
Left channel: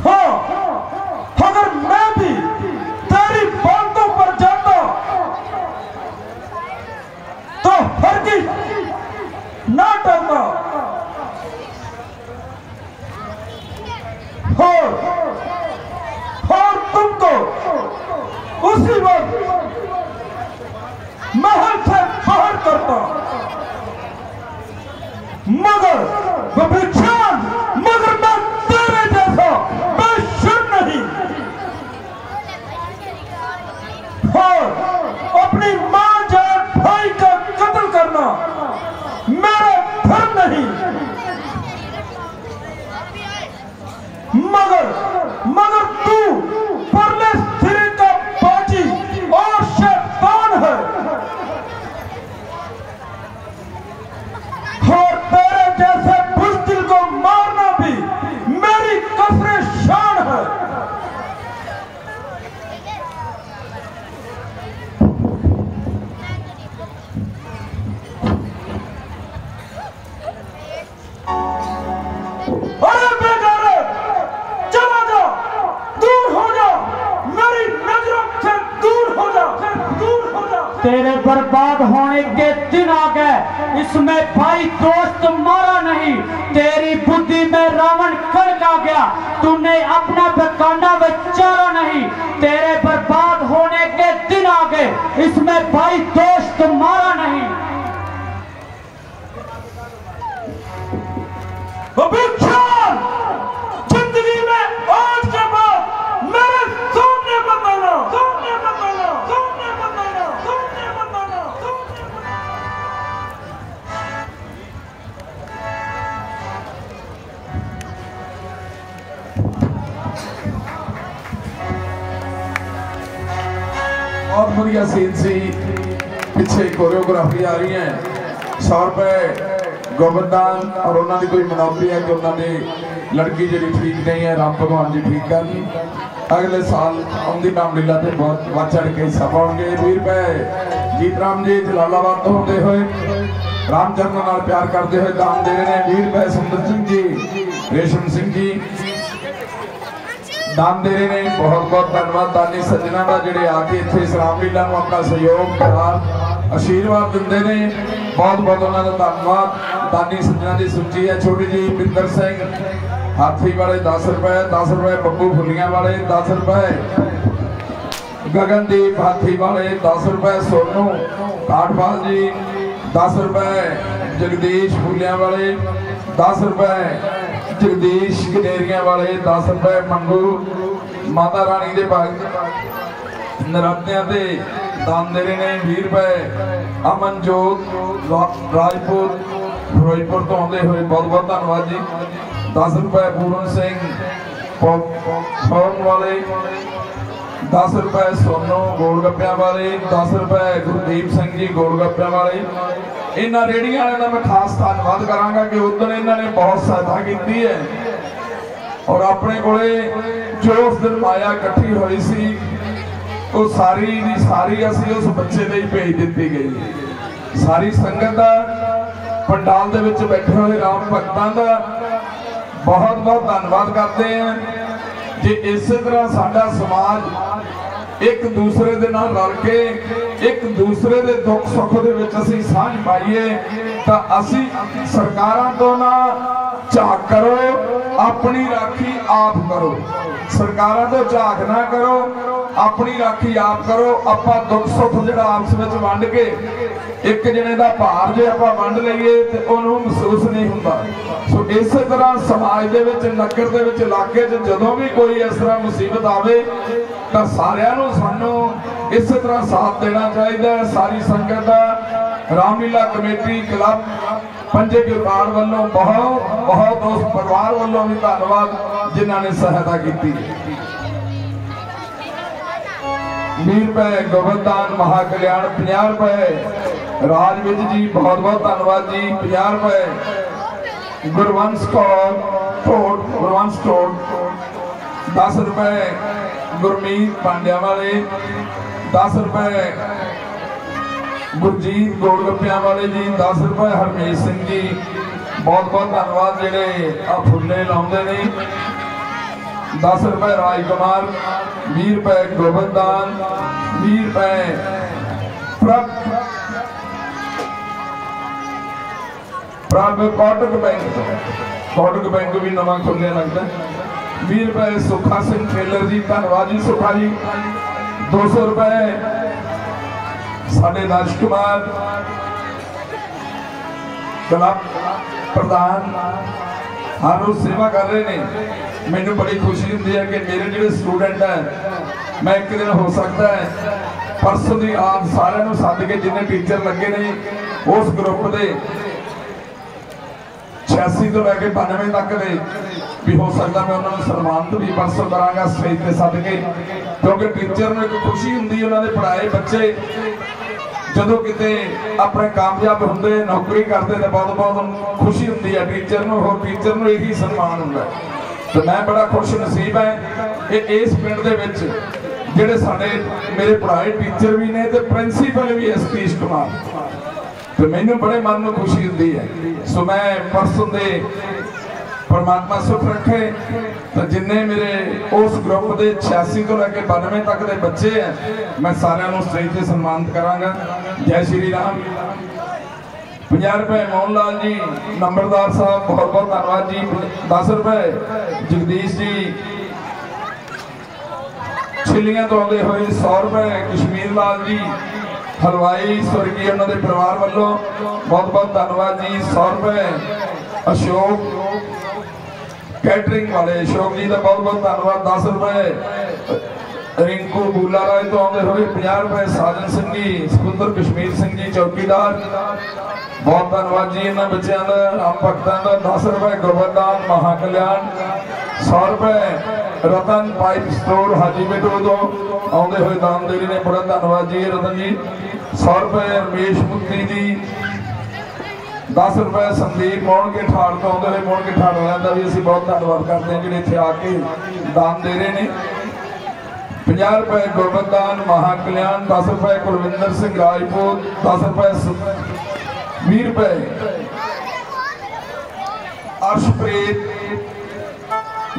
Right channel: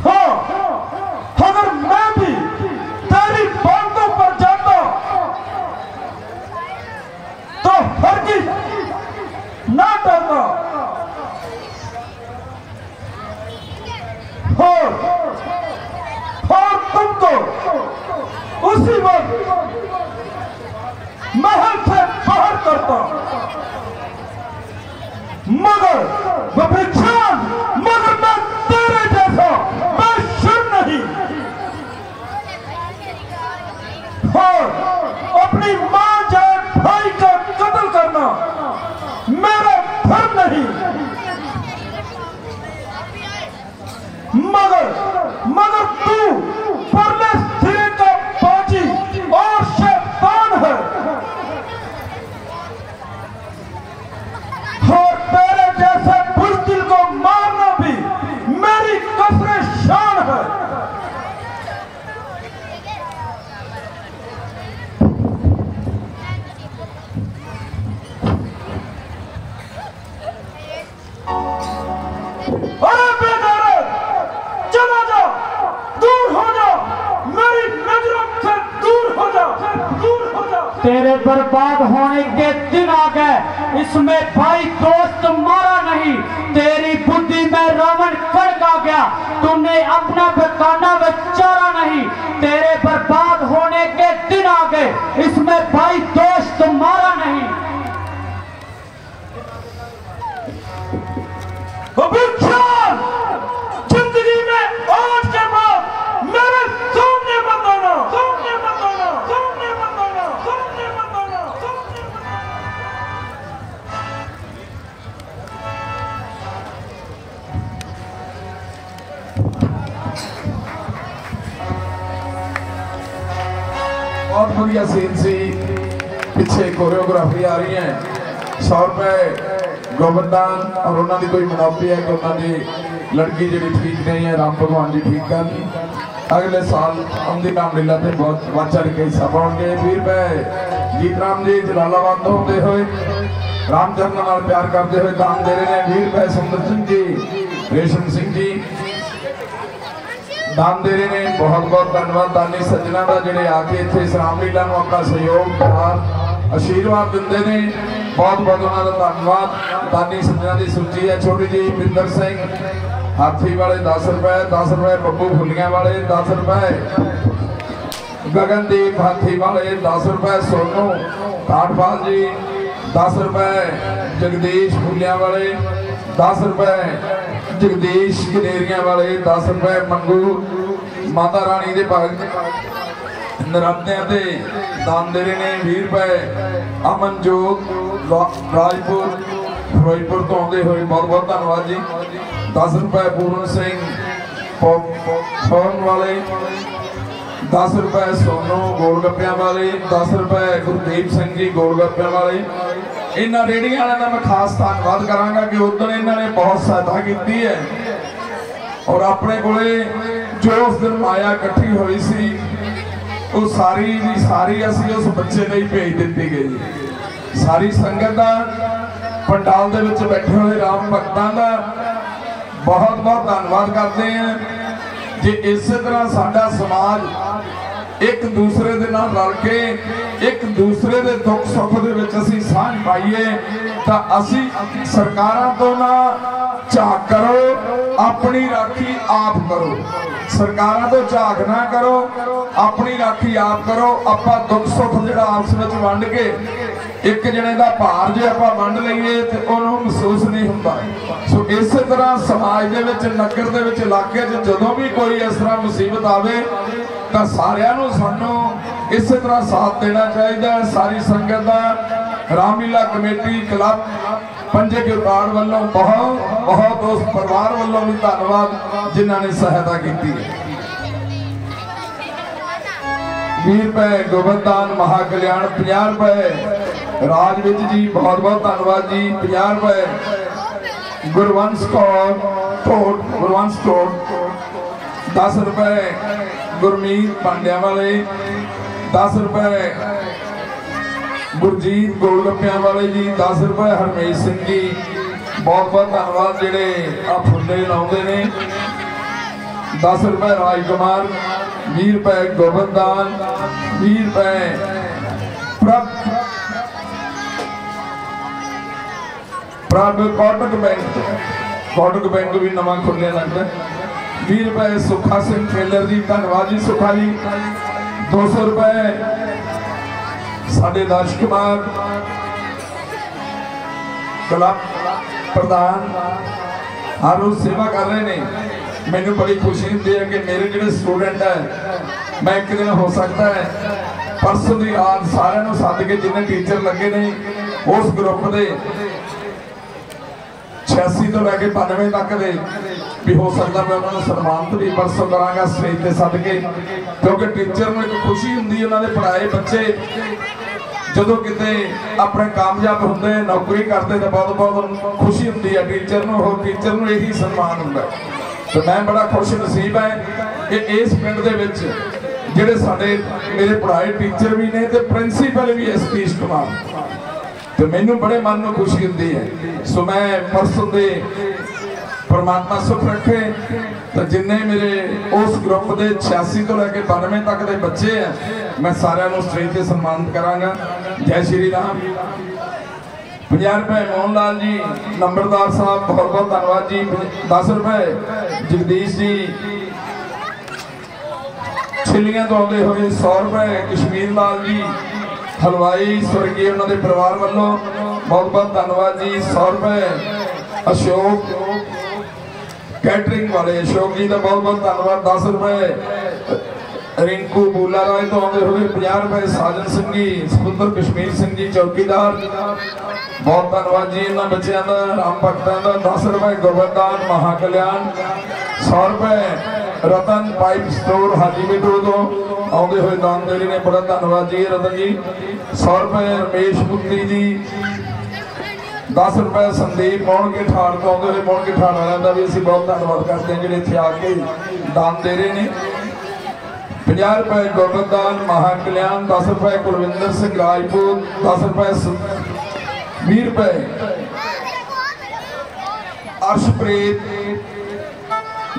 हाँ, अगर मैं भी तेरी बातों पर जाता तो हर और तुमको उसी वक्त महल से बाहर करता, मगर मैं तेरे जैसा बेशर्म नहीं, और अपनी मां जान भाई का कत्ल करना मेरा धर्म नहीं, मगर तू परले सिरे का बाजी और शैतान है, और तेरे जैसे बुज़दिल को मारना भी मेरी कसरे शान है। अरे बेगैरत, चला जा, दूर हो जा, मेरी नजरों से दूर हो जा, दूर हो जा। तेरे बर्बाद होने के दिन आ गए, इसमें भाई दोस्त मारा नहीं, तेरी बुद्धि में रावण कड़क आ गया, तूने अपना बकाना बेचारा नहीं, तेरे बर्बाद होने के दिन आ गए, इसमें भाई दोस्त मारा नहीं। अभिचार जिंदगी में आज के बाद मेरे सामने मत आना, सामने मत आना, सामने मत आना, सामने मत आना, सामने मत आना। बहुत बढ़िया सीन सी, पीछे कोरियोग्राफी आ रही है, 100 रुपए गोबरदान, और उन्होंने कोई मुनाफी है कि उन्होंने लड़की जी ठीक नहीं है, राम भगवान जी ठीक कर दी, अगले साल आंदी रामलीला से बहुत बढ़ चढ़ के हिस्सा पाओगे। 20 रुपए जीत राम जी जलालाबाद तो होते हुए रामचंद्र नाल प्यार करते हुए दान दे रहे हैं। 20 रुपए सुंदर सिंह जी, रेशम सिंह जी दान दे रहे हैं। बहुत बहुत धन्यवाद दानी सज्जना का जिहड़े आके इत्थे इस रामलीला नूं अपना सहयोग प्यार आशीर्वाद दिंदे ने, बहुत बहुत उन्होंने धन्यवाद। दानी सज्जना की सूची है छोटी जी, बिंदर सिंह हाथी वाले 10 रुपए, 10 रुपए बब्बू फुलियां वाले 10 रुपए, गगनदीप हाथी वाले 10 रुपए, सोनू काठपाल जी 10 रुपए, जगदीश फुलियां वाले 10 रुपए, जगदीश कनेरिया वाले 10 रुपए, मंगू माता रानी के भाग नरात्या दान दे रहे हैं 20 रुपए। अमनजोत राजपुर फिरोजपुर तो आते हुए बहुत बहुत धन्यवाद जी। 10 रुपए पूरन सिंह पॉपकॉर्न वाले, 10 रुपए सोनू गोलगप्पियां वाले, 10 रुपए गुरदीप सिंह जी गोलगप्पियां वाले। इन्होंने रेहड़ियां वालों का मैं खास धन्यवाद करांगा कि उधर इन्होंने बहुत सहायता की है, और अपने कोले जो उस दिन माया इकट्ठी हुई सी वो सारी दी सारी असी उस बच्चे ने ही भेज दी गई। सारी संगत का पंडाल दे विच बैठे हुए राम भक्तों का बहुत बहुत धन्यवाद करते हैं। जे इस तरह साडा समाज एक दूसरे दे नाल रल के एक दूसरे दे दुख सुख दे विच असीं साझ पाइए तां असीं सरकारां तो ना झाक करो, अपनी राखी आप करो। सरकारां तो झाक ना करो, अपनी राखी आप करो। आपां दुख सुख जिहड़ा आपस विच वंड के एक जने दा भार जे आपां वंड लईए ते उहनूं महसूस नहीं हुंदा। सो इस तरह समाज दे विच नगर दे विच इलाके च जदों भी कोई इस तरह मुसीबत आवे तां सारिआं नूं सानूं इस तरह साथ देना चाहिए। सारी संगत दा रामलीला कमेटी क्लब पंजे के उतार वालों बहुत बहुत उस परिवार वालों भी धन्यवाद जिन्होंने सहायता की। 20 रुपए गोबरदान महाकल्याण, 50 रुपए राजविज जी बहुत बहुत धन्यवाद जी। 50 रुपए गुरवंश कोट, 10 रुपए गुरमीत पांड्या वाले, 10 रुपए गुरजीत गोलगप्पियां वाले जी, 10 रुपए हरमेश सिंह जी बहुत बहुत धन्यवाद जेडे आ फुले लाउंदे ने। 10 रुपए राजकुमार, 20 रुपए गोबरदान, 20 रुपए प्रभ कोटक बैंक भी नवा खुलिया लगता है। 20 रुपए सुखा सिंह टेलर जी, धन्यवाद जी सुखा जी। 200 रुपए साढ़े दर्श कुमार क्लब प्रधान हर रोज सेवा कर रहे हैं। मैनू बड़ी खुशी होती है कि मेरे जो स्टूडेंट है, मैं एक दिन हो सकता है परसों की आज सारे सद के जिन्हें टीचर लगे ने उस ग्रुप के 86 तो लैके 92 तक दे भी हो सकता मैं उन्होंने सन्मानित भी परसों करांगा स्टेज पे सद के, क्योंकि टीचर में एक खुशी होंगी उन्होंने पढ़ाए बच्चे जो किते अपने कामयाब होंगे नौकरी करते तो बहुत बहुत खुशी होती है टीचर को, टीचर को यही सम्मान होंगे। तो मैं बड़ा खुश नसीब है कि इस पिंड दे विच जिहड़े साडे मेरे पढ़ाए टीचर भी ने ते प्रिंसीपल भी है सतीश कुमार, तो मैनू बड़े मन में खुशी होती है। सो मैं परसों दे परमात्मा सुख रखे तो जिन्ने मेरे उस ग्रुप के 86 तो लैके 92 तक के बच्चे हैं मैं सारे स्टेज पर सम्मानित करांगा। जय श्री राम। 50 रुपए मोहनलाल जी नंबरदार साहब, बहुत बहुत धन्यवाद जी। 10 रुपए जगदीश जी छिलियां तो आते हुए, 100 रुपए कश्मीर लाल जी हलवाई स्वर्गीय उन्होंने परिवार वालों बहुत बहुत धन्यवाद जी। 100 रुपए अशोक कैटरिंग वाले अशोक जी का बहुत बहुत धन्यवाद। 10 रुपए रिंकू बूला राय तो आते हुए। 50 रुपए साजन सिंह जी सपुत्र कश्मीर सिंह जी चौकीदार, बहुत धन्यवाद जी इन्होंने बच्चों का राम भगतों का। 10 रुपए गोवर्धन महाकल्याण। 100 रुपए रतन पाइप स्टोर हाजी बेटो तो आते हुए दान देरी ने, बड़ा धन्यवाद जी रतन जी। 100 रुपए रमेश पुत्री जी। 10 रुपए संदीप मोहन के ठाड़ तो आते हुए, मोहन के ठाड़ वालों का भी असं बहुत धन्यवाद करते हैं जो इतने आके दान दे रहे हैं। 50 रुपए गोवर्धन महाकल्याण। 10 रुपए कुलविंदर सिंह राजपूत। 10 रुपए 20 रुपए अर्शप्रीत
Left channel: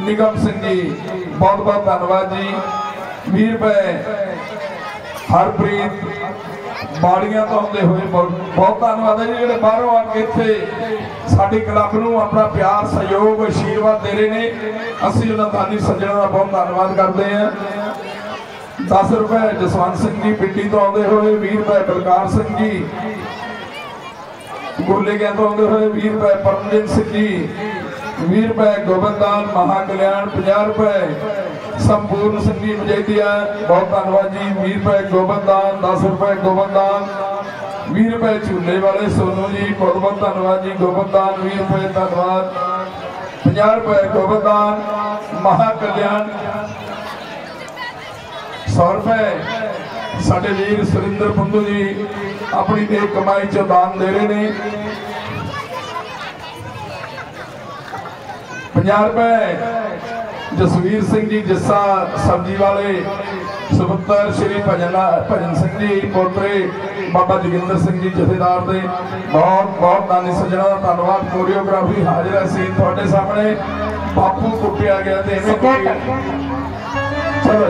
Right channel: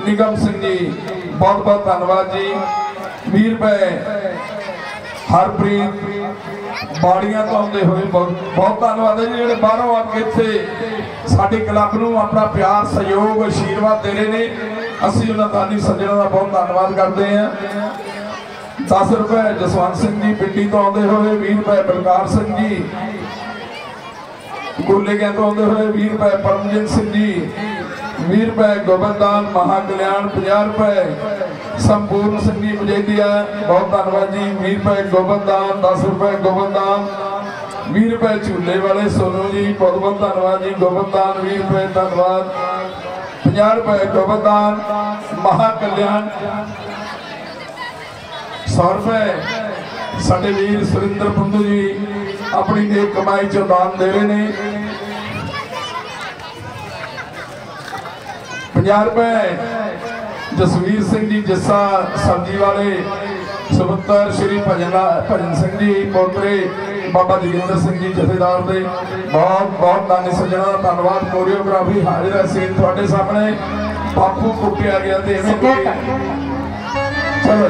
निगम सिंह जी, बहुत बहुत धन्यवाद जी। 20 रुपए हरप्रीत बाड़ियां तो आते हुए, बहुत धन्यवाद है जी जो बाहरों आके इतने साडी क्लब नूं अपना प्यार सहयोग आशीर्वाद दे रहे हैं। असीं उन्हां दानी सज्जणों का बहुत धन्यवाद करते हैं। 10 रुपए जसवंत सिंह जी पिंडी तो आते हुए। 20 रुपए बलकार सिंह जी गोले गए तो आते हुए। 20 रुपए परमजीत सिंह जी। 20 रुपए गोवर्धन महाकल्याण। 50 रुपए संपूर्ण सिंह जी मजेदिया, बहुत धन्यवाद जी। 20 रुपए गोवर्धन। 10 रुपए गोवर्धन। 20 रुपए झूले वाले सोनू जी, बहुत बहुत धन्यवाद जी गोवर्धन। 20 रुपए धन्यवाद। 50 रुपए गोवर्धन महाकल्याण। 100 रुपए साडे वीर सुरिंदर फंदू जी अपनी नेक कमाई चो दान दे रहे हैं। 50 रुपए जसवीर सिंह जी जस्सा सब्जी वाले। सुपुत्र श्री भजन सिंह जी पोतरे बाबा जोगिंदर सिंह जी जथेदार दे, बहुत बहुत दानी सज्जणों का धन्यवाद। कोरियोग्राफी हाजिर है सीन थोड़े सामने। बापू कुटिया गया तो चलो